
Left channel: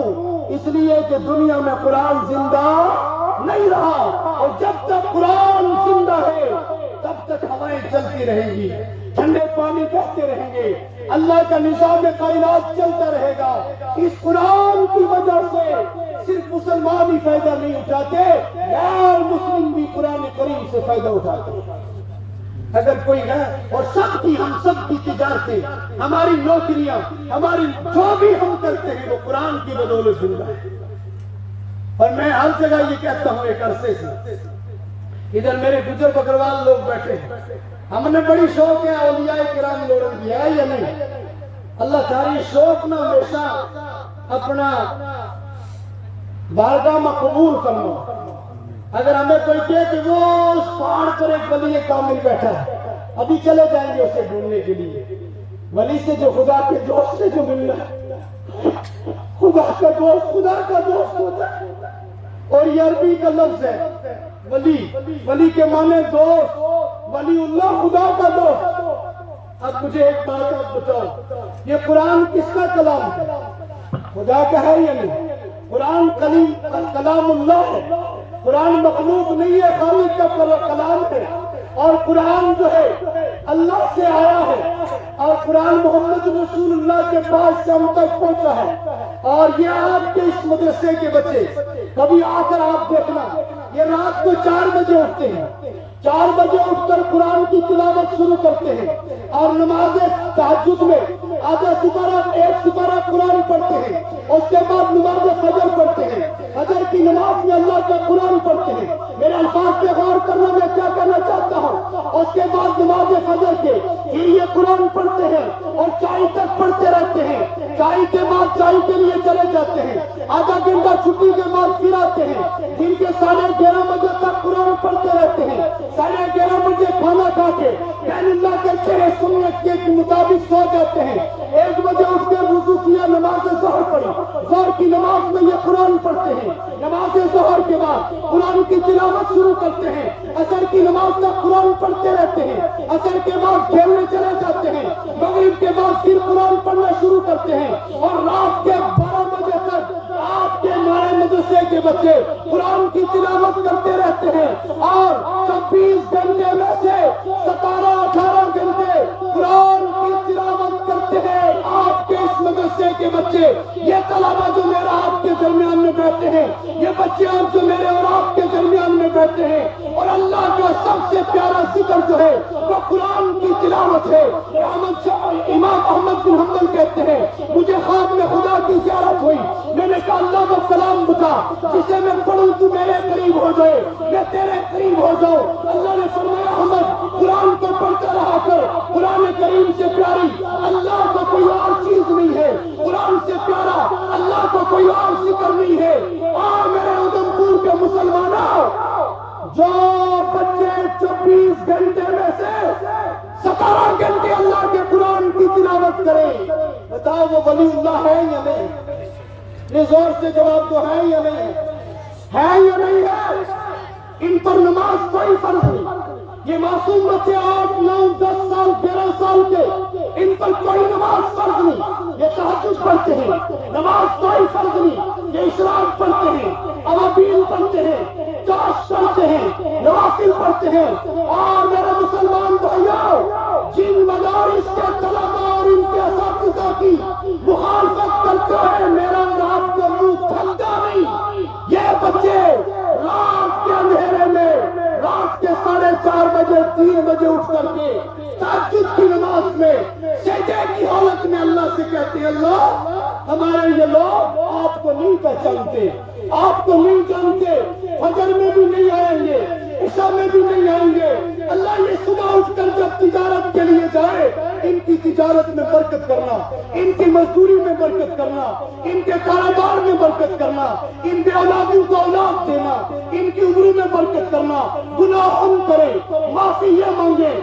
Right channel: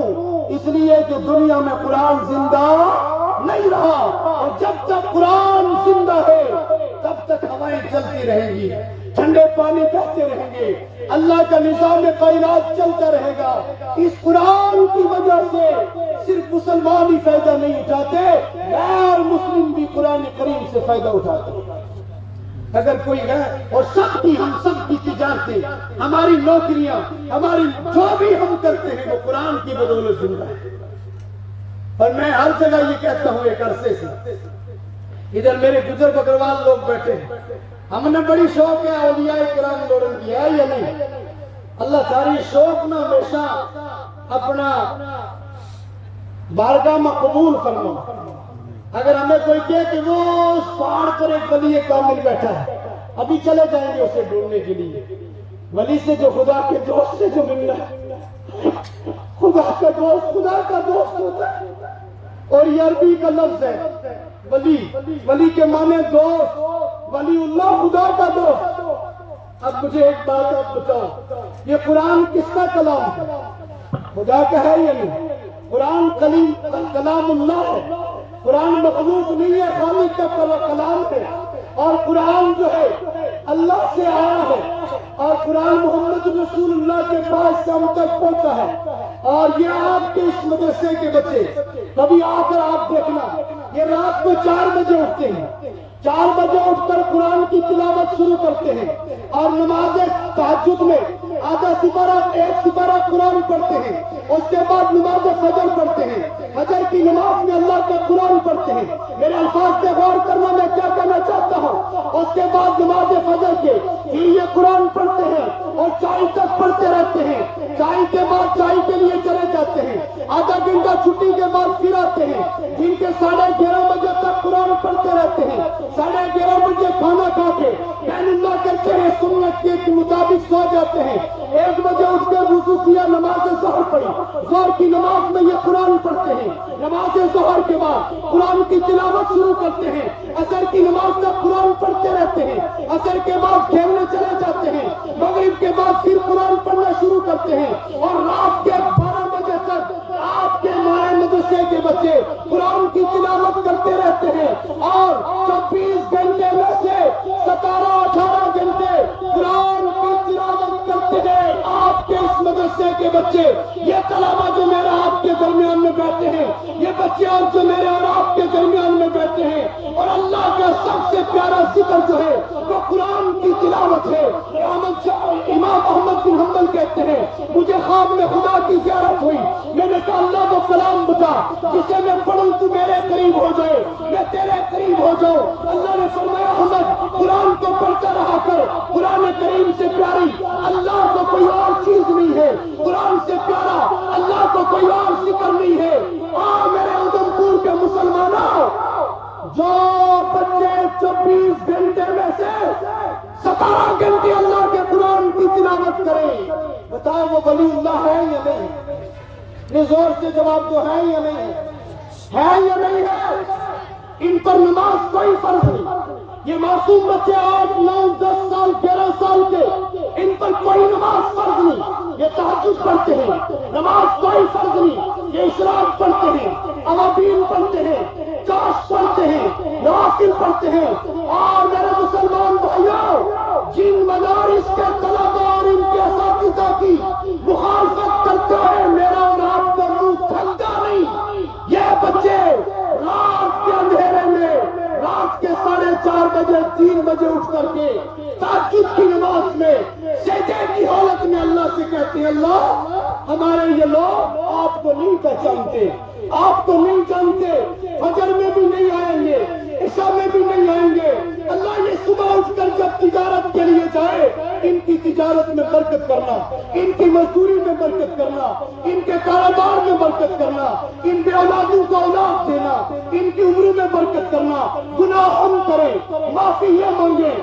اس لیے کہ دنیا میں قرآن زندہ نہیں رہا, اور جب تک قرآن زندہ ہے تب تک ہوائیں چلتی رہیں گی, ٹھنڈے پانی بہتے رہیں گے, اللہ کا نظام کائنات چلتا رہے گا. اس قرآن کی وجہ سے صرف مسلمان ہی فائدہ نہیں اٹھاتے, غیر مسلم بھی قرآن کریم سے فائدہ اٹھاتے. اگر کوئی ہے اور سب کی ہم سب کی تجارتیں, ہماری نوکریاں, ہماری جو بھی ہم کرتے ہیں وہ قرآن کی بدولت زندہ ہے. اور میں ہر جگہ یہ کہتا ہوں ایک عرصے سے, ادھر میرے بزرگ اگروال لوگ بیٹھے ہیں, ہم نے بڑی شوق ہے اولیاء کرام لوڑن کی, ہے یا نہیں؟ اللہ تعالی شوق نہ ہمیشہ اپنا بارگاہ میں قبول فرما. اگر ہمیں کوئی کہے کہ وہ اس پہاڑ پر ایک ولی کامل بیٹھا ہے, ابھی چلے جائیں گے اسے ڈھونڈنے کے لیے. ولی سے جو خدا کے دوست سے جو ملنا ہے, خدا کا دوست خدا کا دوست ہوتا ہے. اور یہ عربی کا لفظ ہے ولی, ولی کے معنی دوست, ولی اللہ خدا کا دوست. اب مجھے ایک بات آپ بتاؤ, یہ قرآن کس کا کلام ہے؟ خدا کا ہے یا نہیں؟ قرآن کلام اللہ ہے, قرآن مخلوق نہیں ہے, خالق کا کلام ہے. اور قرآن جو ہے اللہ سے آیا ہے, اور قرآن محمد رسول اللہ کے پاس سے ہم تک پہنچا ہے. اور یہ آپ کے اس مدرسے کے بچے کبھی آ کر آپ دیکھنا, یہ رات کو 4 بجے اٹھتے ہیں, 4 بجے اٹھ کر قرآن کی تلاوت شروع کرتے ہیں, اور نماز تہجد میں آدھا سپارہ 1 سپارہ قرآن پڑھتے ہیں. اس کے بعد نماز فجر پڑھتے ہیں, فجر کی نماز میں اللہ کا قرآن پڑھتے ہیں. میرے الفاظ پہ غور کرنا, میں کیا کہنا چاہتا ہوں. اس کے بعد نماز فجر کے پھر یہ قرآن پڑھتے ہیں اور چائے تک پڑھتے رہتے ہیں. چائے کے بعد چائے کے لیے چلے جاتے ہیں, آدھا گھنٹہ چھٹی کے بعد پھر آتے ہیں, دن کے 11:30 بجے تک قرآن پڑھتے رہتے ہیں. 11:30 بجے کھانا کھا کے بین اللہ کرتے ہیں, سنت کے مطابق سو جاتے ہیں. 1 بجے اٹھ کے وضو کیا, نماز ظہر پڑھی, ظہر کی نماز میں یہ قرآن پڑھتے ہیں. نماز ظہر کے بعد قرآن کی تلاوت شروع کرتے ہیں, عصر کی نماز تک قرآن پڑھتے رہتے ہیں. عصر کے بعد کھیلنے چلے جاتے ہیں, مغرب کے بعد پھر قرآن پڑھنا شروع کرتے ہیں, اور رات کے 12 بجے تک آپ کے مائع مدرسے کے بچے قرآن کی تلاوت کرتے رہتے ہیں. اور 24 گھنٹے میں سے 17-18 گھنٹے قرآن کی تلاوت کرتے ہیں آپ کے اس مدرسے کے بچے. یہ طلبہ جو میرا آپ کے درمیان میں بیٹھے ہیں, یہ بچے اور جو میرے اور آپ کے درمیان میں بیٹھے ہیں, اور اللہ کا سب سے پیارا ذکر جو ہے وہ قرآن کی تلاوت ہے. امام احمد بن حنبل کہتے ہیں مجھے خواب میں خدا کی زیارت ہوئی, میں نے کہا اللہ وہ کلام بتا جسے میں پڑھوں تو میرے قریب ہو جائے, میں تیرے قریب ہو جاؤں. اللہ نے فرمایا احمد قرآن کو پڑھتا رہا کر, قرآن کریم سے پیاری اللہ کو کوئی اور چیز نہیں ہے, قرآن سے پیارا اللہ کو کوئی اور ذکر نہیں ہے. اور میرے ادھمپور کے مسلمانوں, جو بچے 24 گھنٹے میں سے 17 گھنٹے اللہ کے قرآن کی تلاوت کریں, بتاؤ وہ ولی اللہ ہے یا نہیں؟ زور سے جواب دو، ہے یا نہیں ہے یا نہیں ہے؟ ان پر نماز کوئی فرض نہیں. یہ معصوم بچے 8 9 10 سال 11 سال کے، ان پر کوئی نماز فرض نہیں. یہ تہجد پڑھتے ہیں، نماز کوئی فرض نہیں. یہ اشراق پڑھتے ہیں، اوابین پڑھتے ہیں، کاش پڑھتے ہیں، نوافل پڑھتے ہیں. اور میرے مسلمان بھائیوں، جن مدارس کے طلباء اور ان کے اساتذہ کی مخالفت کرتے ہیں، میرا اور آپ کا منہ تھکتا نہیں. یہ بچے رات کے اندھیرے میں رات کے 4:30 بجے 3 بجے اٹھ کر کے تہجد کی نماز میں سجدے کی حالت میں اللہ سے کہتے ہیں، اللہ ہمارے یہ لوگ آپ کو نہیں پہچانتے، آپ کو نہیں جانتے، فجر میں بھی نہیں آئیں گے، عشاء میں بھی نہیں آئیں گے. اللہ یہ صبح اٹھ کر جب تجارت کے لیے جائے، ان کی تجارت میں برکت کرنا، ان کی مزدوری میں برکت کرنا، ان کے کاروبار میں برکت کرنا، ان بے اولادیوں کو اولاد دینا، ان کی عمروں میں برکت کرنا. گناہ ہم کریں، معافی یہ مانگے.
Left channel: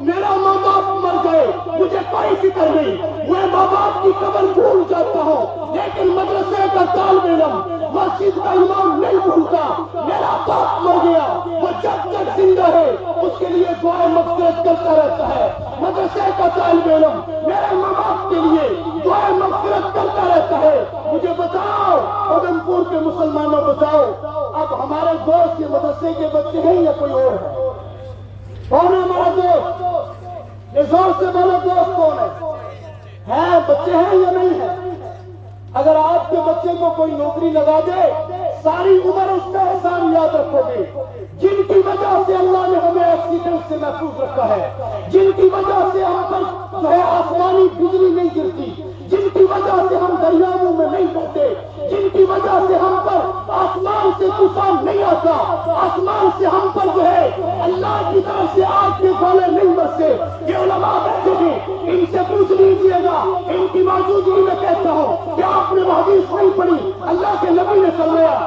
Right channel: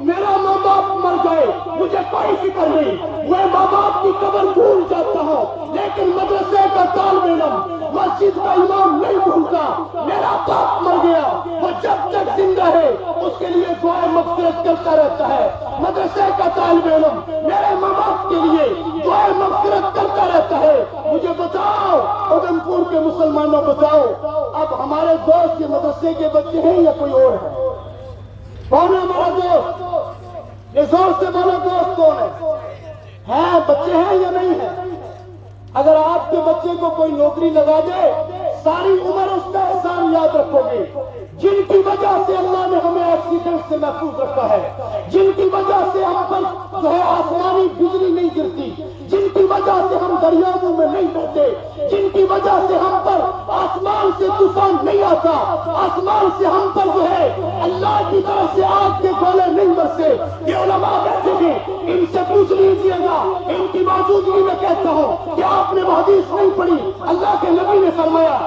میرا ماں باپ مر گئے، مجھے کوئی فکر نہیں، میں ماں باپ کی قبر بھول جاتا ہوں، لیکن مدرسے کا طالب علم مسجد کا امام نہیں بھولتا. میرا باپ مر گیا، وہ جب تک زندہ ہے اس کے لیے دعائیں مغفرت کرتا رہتا ہے. مدرسے کا طالب علم میرے ماں باپ کے لیے دعائیں مغفرت کرتا رہتا ہے. مجھے بتاؤ اودھمپور کے مسلمانوں، بتاؤ اب ہمارے دوست یہ مدرسے کے بچے ہیں یا کوئی اور ہے؟ کون ہے ہمارا دوست؟ زور سے بولو، دوست کون ہے؟ بچے ہیں یا نہیں ہے؟ اگر آپ کے بچے کو کوئی نوکری لگا دے، ساری عمر اس کا احسان یاد رکھو گے. جن کی وجہ سے اللہ نے ہمیں ایکسیڈنٹ سے محفوظ رکھا ہے، جن کی وجہ سے ہم پر جو ہے آسمانی بجلی نہیں گرتی، جن کی وجہ سے ہم دریاؤں میں نہیں بہتے، جن کی وجہ سے ہم پر آسمان سے طوفان نہیں آتا، آسمان سے ہم پر جو ہے اللہ کی طرف سے آگ کے گولے نہیں برسے. یہ علماء کہتے ہیں، ان سے پوچھ لیجیے گا، ان کی موجودگی میں کہتا ہوں کہ آپ نے وہ حدیث نہیں پڑھی. اللہ کے نبی نے فرمایا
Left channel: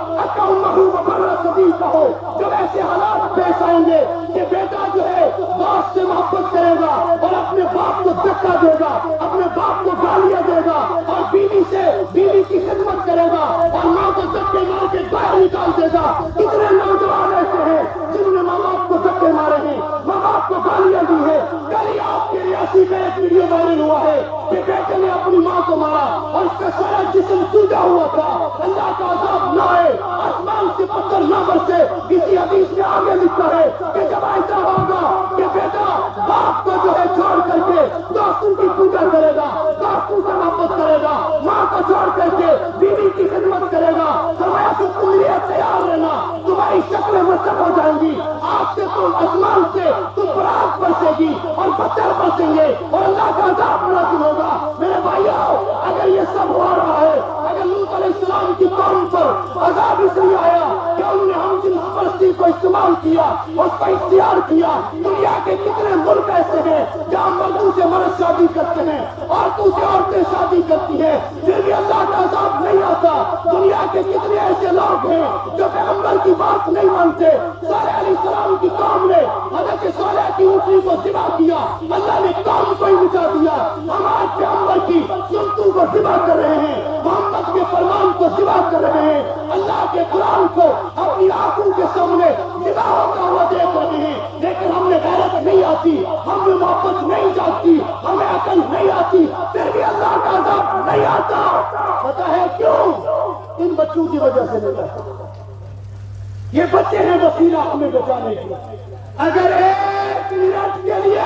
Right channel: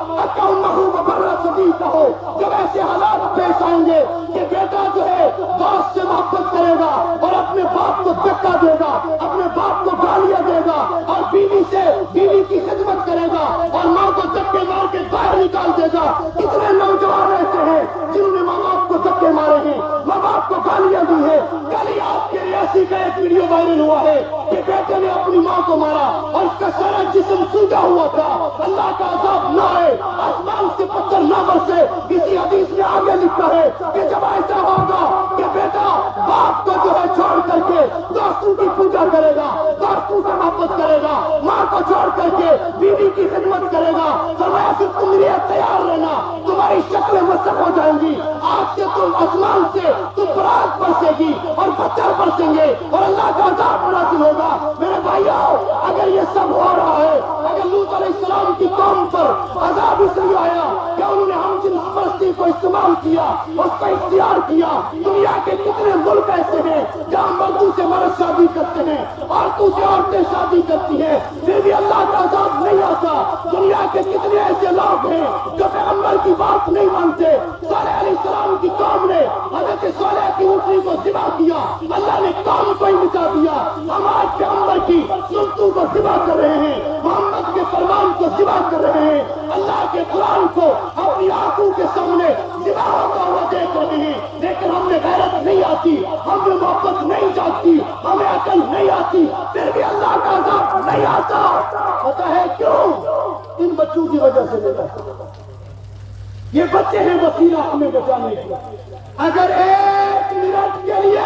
کہو جب ایسے حالات پیش آئیں گے کہ بیٹا جو ہے باپ سے محبت کرے گا اور اپنے باپ کو دھکا دے گا، اپنے باپ کو گالیاں دے گا، اور بیوی سے بیوی کی خدمت کرے گا اور ماں کو دھکے مار کے باہر نکال دے گا. کتنے نوجوان ایسے ہیں جنہوں نے ماں باپ کو دھکے مارے ہیں، ماں باپ کو گالیاں دی ہیں. کل ہی آپ کے ریاسی کا ایک ویڈیو وائرل ہوا ہے کہ بیٹے نے اپنی ماں کو مارا اور اس کا سارا جسم سوجا ہوا تھا. اللہ کا عذاب نہ آئے، آسمان سے پتھر نہ برسے. کسی حدیث میں آگے لکھا ہے کہ جب ایسا ہوگا کہ بیٹا باپ کو جو ہے چھوڑ کر کے دوستوں کی پوجا کرے گا، دوستوں سے محبت کرے گا، ماں کو چھوڑ کر کے بیوی کی خدمت کرے گا، فرمایا کہ تم لیے تیار رہنا، تمہاری شکلیں مسخ ہو جائیں گی. آج سے تم آسمان سے تو برات برسے گی اور پتھر برسیں گے اور اللہ کا عذاب نازل ہوگا. میرے بھائیوں، اگر یہ سب ہو رہا ہے، اگر لوط علیہ السلام کی قوم پر عذاب اس لیے آیا کہ انہوں نے ہم جنس پرستی کو استعمال کیا، اس کا اختیار کیا. دنیا کے کتنے ملک ایسے ہیں جہاں مردوں سے مرد شادی کرتے ہیں، عورتوں سے عورتیں شادی کرتی ہیں، پھر بھی اللہ کا عذاب نہیں آتا. دنیا کے کتنے ایسے لوگ ہیں جو پیغمبر کی بات نہیں مانتے. صالح علیہ السلام کی قوم نے حضرت صالح کی اونٹنی کو ذبح کیا، اللہ نے قوم کو ہی مٹا دیا. ہم آج پیغمبر کی سنتوں کو ذبح کر رہے ہیں، محمد کے فرمان کو ذبح کر رہے ہیں، اللہ کے قرآن کو اپنی آنکھوں کے سامنے ذبح ہوتا ہوا دیکھ رہے ہیں. لیکن ہم نے غیرت نہیں آتی، ہمیں محبت نہیں جاتی، ہمیں عقل نہیں آتی، پھر بھی اللہ کا عذاب نہیں آتا. پتہ ہے کیوں؟ ان بچوں کی وجہ سے نہیں آتا. یہ بچے ہیں وسیلہ ہمیں بچانے کی. اگر 1 منٹ کے لیے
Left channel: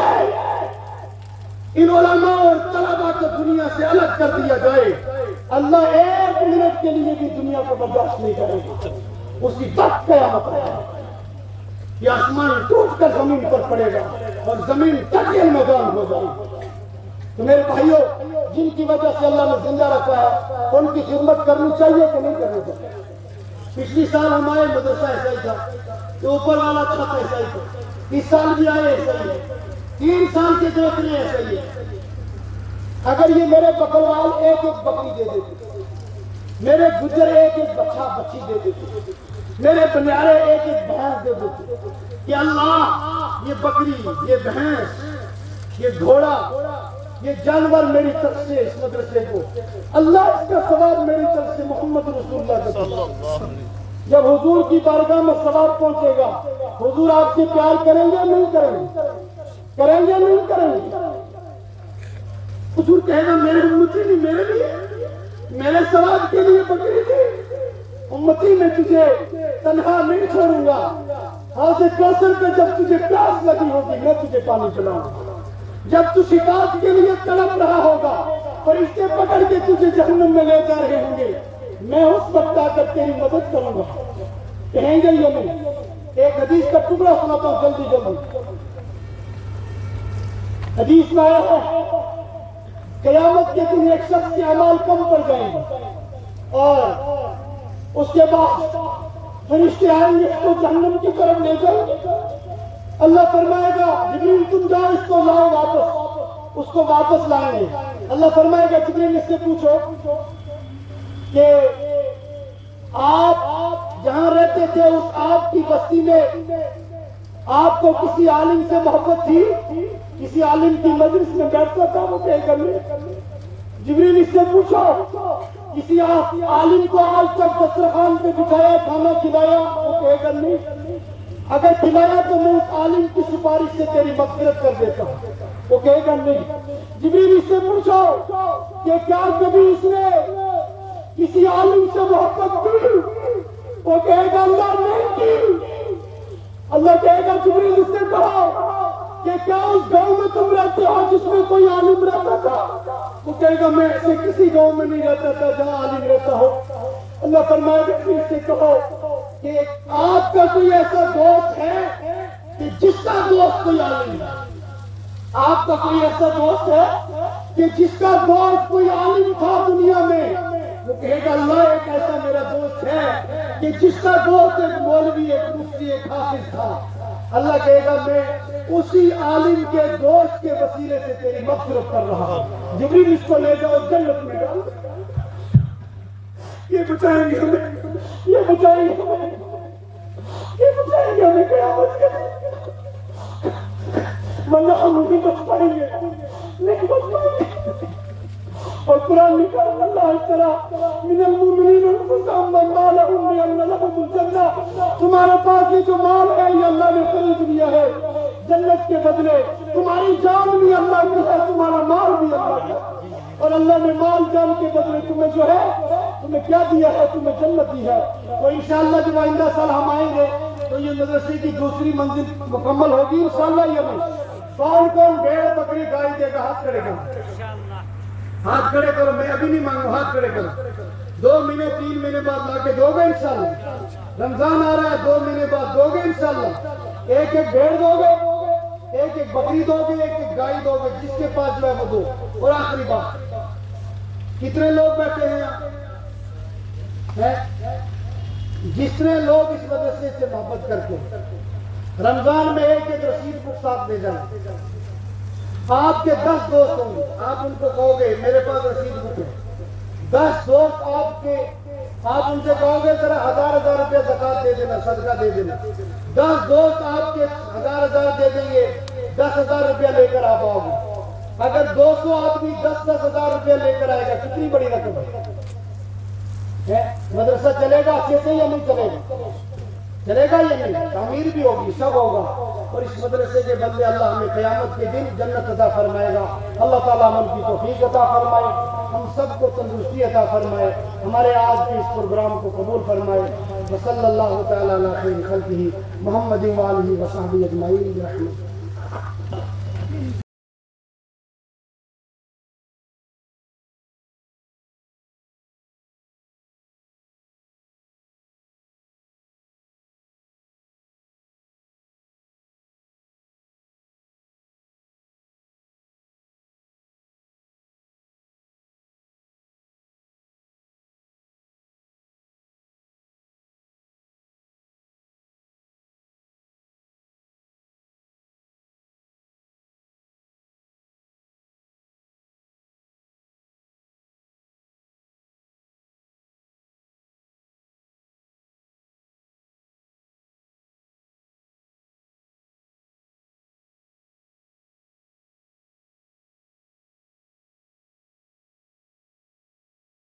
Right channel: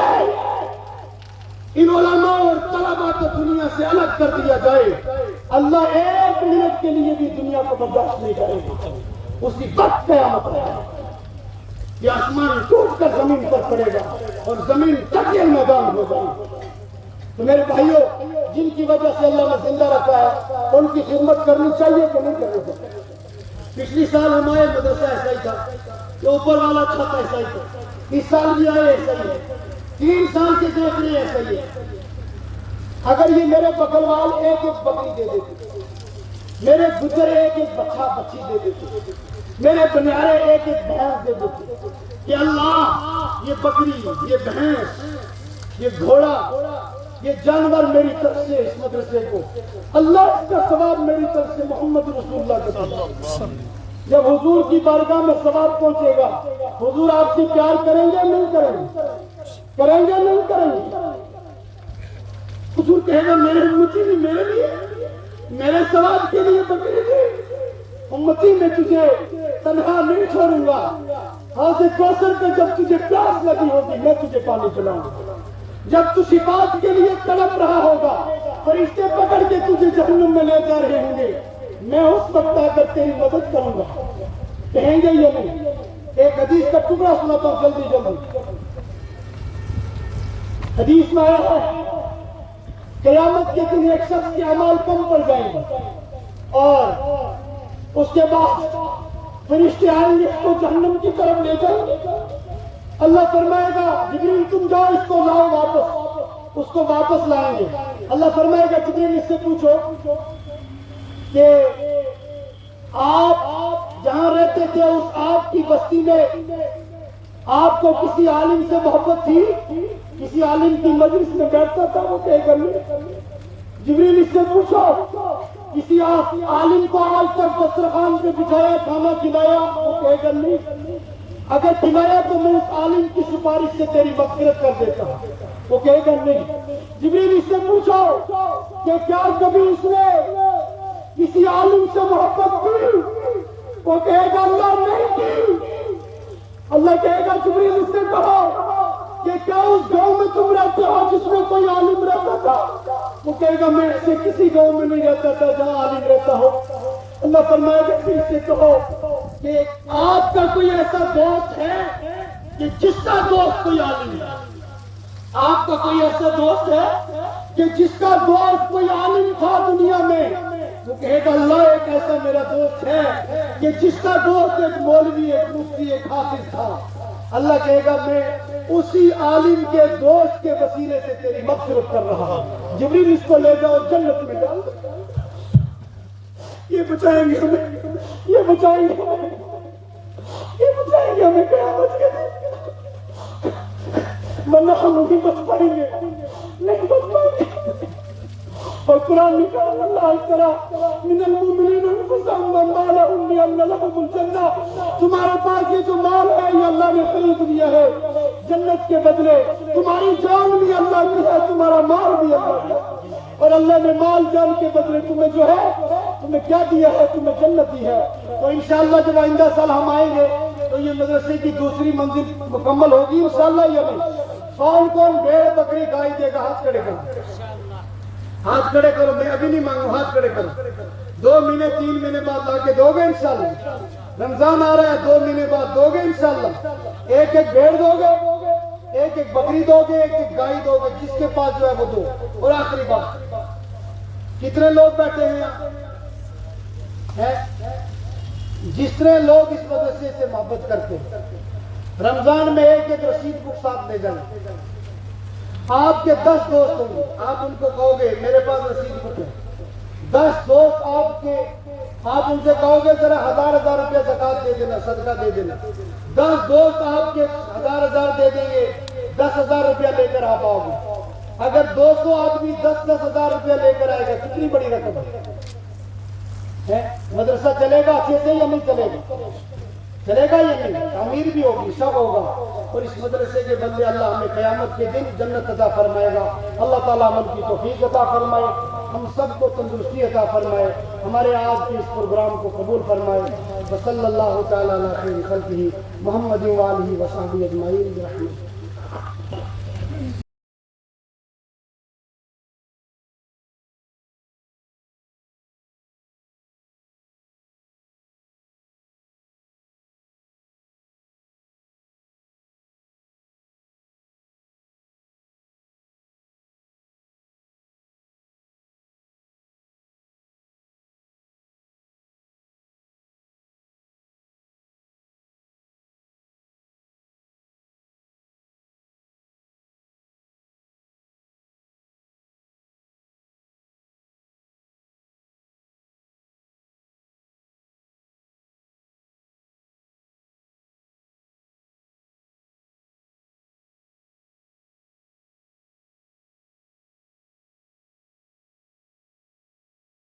ان علماء اور طلباء کو دنیا سے الگ کر دیا جائے، اللہ 1 منٹ کے لیے بھی دنیا کو برداشت نہیں کرے گا. اسی وقت قیامت ہے، یہ آسمان ٹوٹ کر زمین پر پڑے گا اور زمین تکیل میدان ہو جائے گی. تو میرے بھائیوں، جن کی وجہ سے اللہ نے زندہ رکھا ہے ان کی خدمت کرنی چاہیے کہ نہیں کرنی چاہیے؟ پچھلی سال ہمارے مدرسہ ایسا ہی تھا، تو اوپر والا چھت ایسا ہی تھا، اس سال بھی آئے ایسا ہی ہے، 3 سال کے دیکھ رہے ایسا ہی ہے. اگر یہ میرے بکروال ایک بکری دے دیتے، میرے گجر ایک بچہ بچی دے دیتے، میرے بنیارے ایک بھینس دے دیتے کہ اللہ یہ بکری، یہ بھینس، یہ گھوڑا یہ جانور میری طرف سے اس مدرسے کو، اللہ اس کا ثواب میری طرف سے محمد رسول اللہ کا طرف۔ جب حضور کی بارگاہ میں ثواب پہنچے گا، حضور آپ سے پیار کریں گے نہیں کریں گے؟ کریں گے نہیں کریں گے؟ حضور کہے گا میرے امتی نہیں، میرے لیے، میرے ثواب کے لیے بکری تھی، امتی میں تجھے تنہا نہیں چھوڑوں گا، حوض کوثر پہ جب تجھے پیاس لگی ہوگی میں تجھے پانی پلاؤں گا، جب تو شفاعت کے لیے تڑپ رہا ہوگا، فرشتے پکڑ کے تجھے جہنم میں لے جا رہے ہوں گے، میں اس وقت آ کر تیری مدد کروں گا۔ کہیں گے یا نہیں؟ ایک حدیث کا ٹکڑا سناتا ہوں جلدی جلدی۔ حدیث میں آیا ہے قیامت کے دن ایک شخص کے اعمال کم پڑ جائیں گے اور اس کے بعد فرشتے آئیں گے، اس کو جہنم کی طرف لے جائیں گے۔ اللہ فرمائے گا جبریل تم جاؤ اس کو لاؤ واپس، اس کو واپس لائیں گے۔ اللہ فرمائے گا جبریل اس سے پوچھو کہ آپ جہاں رہتے تھے اس آپ کی بستی میں آپ کو کسی عالم سے محبت تھی؟ کسی عالم کی مجلس میں بیٹھتا تھا؟ وہ کہے گا نہیں۔ جبریل اس سے پوچھو کسی عالم کو آج تک دسترخوان پہ بٹھایا، کھانا کھلایا؟ وہ کہے گا نہیں۔ اگر کھلایا تو میں اس عالم کی سفارش سے تیری مغفرت کر دیتا ہوں۔ وہ کہے گا نہیں۔ جبریل اس سے پوچھو کہ کیا کبھی اس نے کسی عالم سے محبت کی؟ وہ کہے گا اللہ نہیں کی۔ اللہ کہے گا جبریل اس سے کہو کہ کیا اس گاؤں میں تم رہتے ہو جس میں کوئی عالم رہتا تھا؟ وہ کہے گا میں ایسے کسی گاؤں میں نہیں رہتا تھا جہاں عالم رہتا ہو۔ اللہ فرمائے گا پھر سے کہو کہ آپ کا کوئی ایسا دوست ہے کہ جس کا دوست کوئی عالم ہے؟ آپ کا کوئی ایسا دوست ہے کہ جس کا دوست کوئی عالم تھا دنیا میں؟ وہ کہے گا اللہ ایک ایسا میرا دوست ہے کہ جس کا دوست ایک مولوی، ایک مفتی، ایک حافظ تھا۔ اللہ کہے گا میں اسی عالم کے دوست کے وسیلے سے تیری مغفرت کر رہا ہوں۔ جبریل اس کو لے جاؤ جنت میں ڈال دو۔ یہ بچائیں گے ہمیں، یہ بچائیں گے ہمیں، یہ بچائیں گے ہمیں قیامت کے دن، ورنہ ہم بھی بچ پائیں گے نہیں بچ پائیں گے۔ اور قرآن نے کہا اللہ اشترى من المؤمنین انفسهم واموالهم بان لهم الجنہ، تمہارے پاس یہ جو مال ہے یہ اللہ نے خرید لیا ہے جنت کے بدلے، تمہاری جان بھی اللہ کی ہے، تمہارا مال بھی اللہ کا ہے، اور اللہ نے مال جان کے بدلے تمہیں جو ہے تمہیں کیا دیا ہے؟ تمہیں جنت دی ہے۔ تو انشاءاللہ جب آئندہ سال ہم آئیں گے تو یہ مدرسے کی دوسری منزل مکمل ہوگی انشاءاللہ۔ یہ میں کون کون بھیڑ بکری گائے دے گا؟ ہاتھ کھڑے کرو، ہاتھ کھڑے کرو، میں ابھی نہیں مانگوں، ہاتھ کھڑے کرو۔ 2 مہینے 3 مہینے بعد لا کے دو گے انشاءاللہ؟ رمضان آ رہا ہے، 2 مہینے بعد دو گے انشاءاللہ؟ ایک ایک بھیڑ دو گے، ایک ایک بکری دو گے، ایک ایک گائے دو گے، جس کے پاس جو ہے وہ دو۔ اور آخری بات، کتنے لوگ بیٹھے ہیں؟ جتنے لوگ اس مدرسے سے محبت کرتے ہیں رمضان میں ایک ایک رسید کو ساتھ لے جائیں۔ آپ کے 10 دوست ہوں گے، آپ ان کو کہو گے میرے پاس رسید بک ہے۔ 10 دوست آپ کے، آپ ان سے کہو گے ذرا 1000 روپے زکوٰۃ دے دینا، صدقہ دے دینا۔ 10 دوست آپ کے 1000 دے دیں گے، 10,000 روپیہ لے کر آپ آؤ گے۔ اگر 200 آدمی 10,000 روپیہ لے کر آئے گا کتنی بڑی رقم ہے؟ مدرسہ چلے گا اچھے سے یا نہیں چلے گا؟ چلے گا یا نہیں؟ تعمیر بھی ہوگی، سب ہوگا۔ اور اس مدرسے کے بندے اللہ ہمیں قیامت کے دن جنت عطا فرمائے گا۔ اللہ تعالیٰ عمل کی توفیق عطا فرمائے، ہم سب کو تندرستی عطا فرمائے، ہمارے آج کے اس پروگرام کو قبول فرمائے۔ وصلی اللہ تعالیٰ علی خیر خلقہ محمد وآلہ وصحبہ اجمعین برحمتہ۔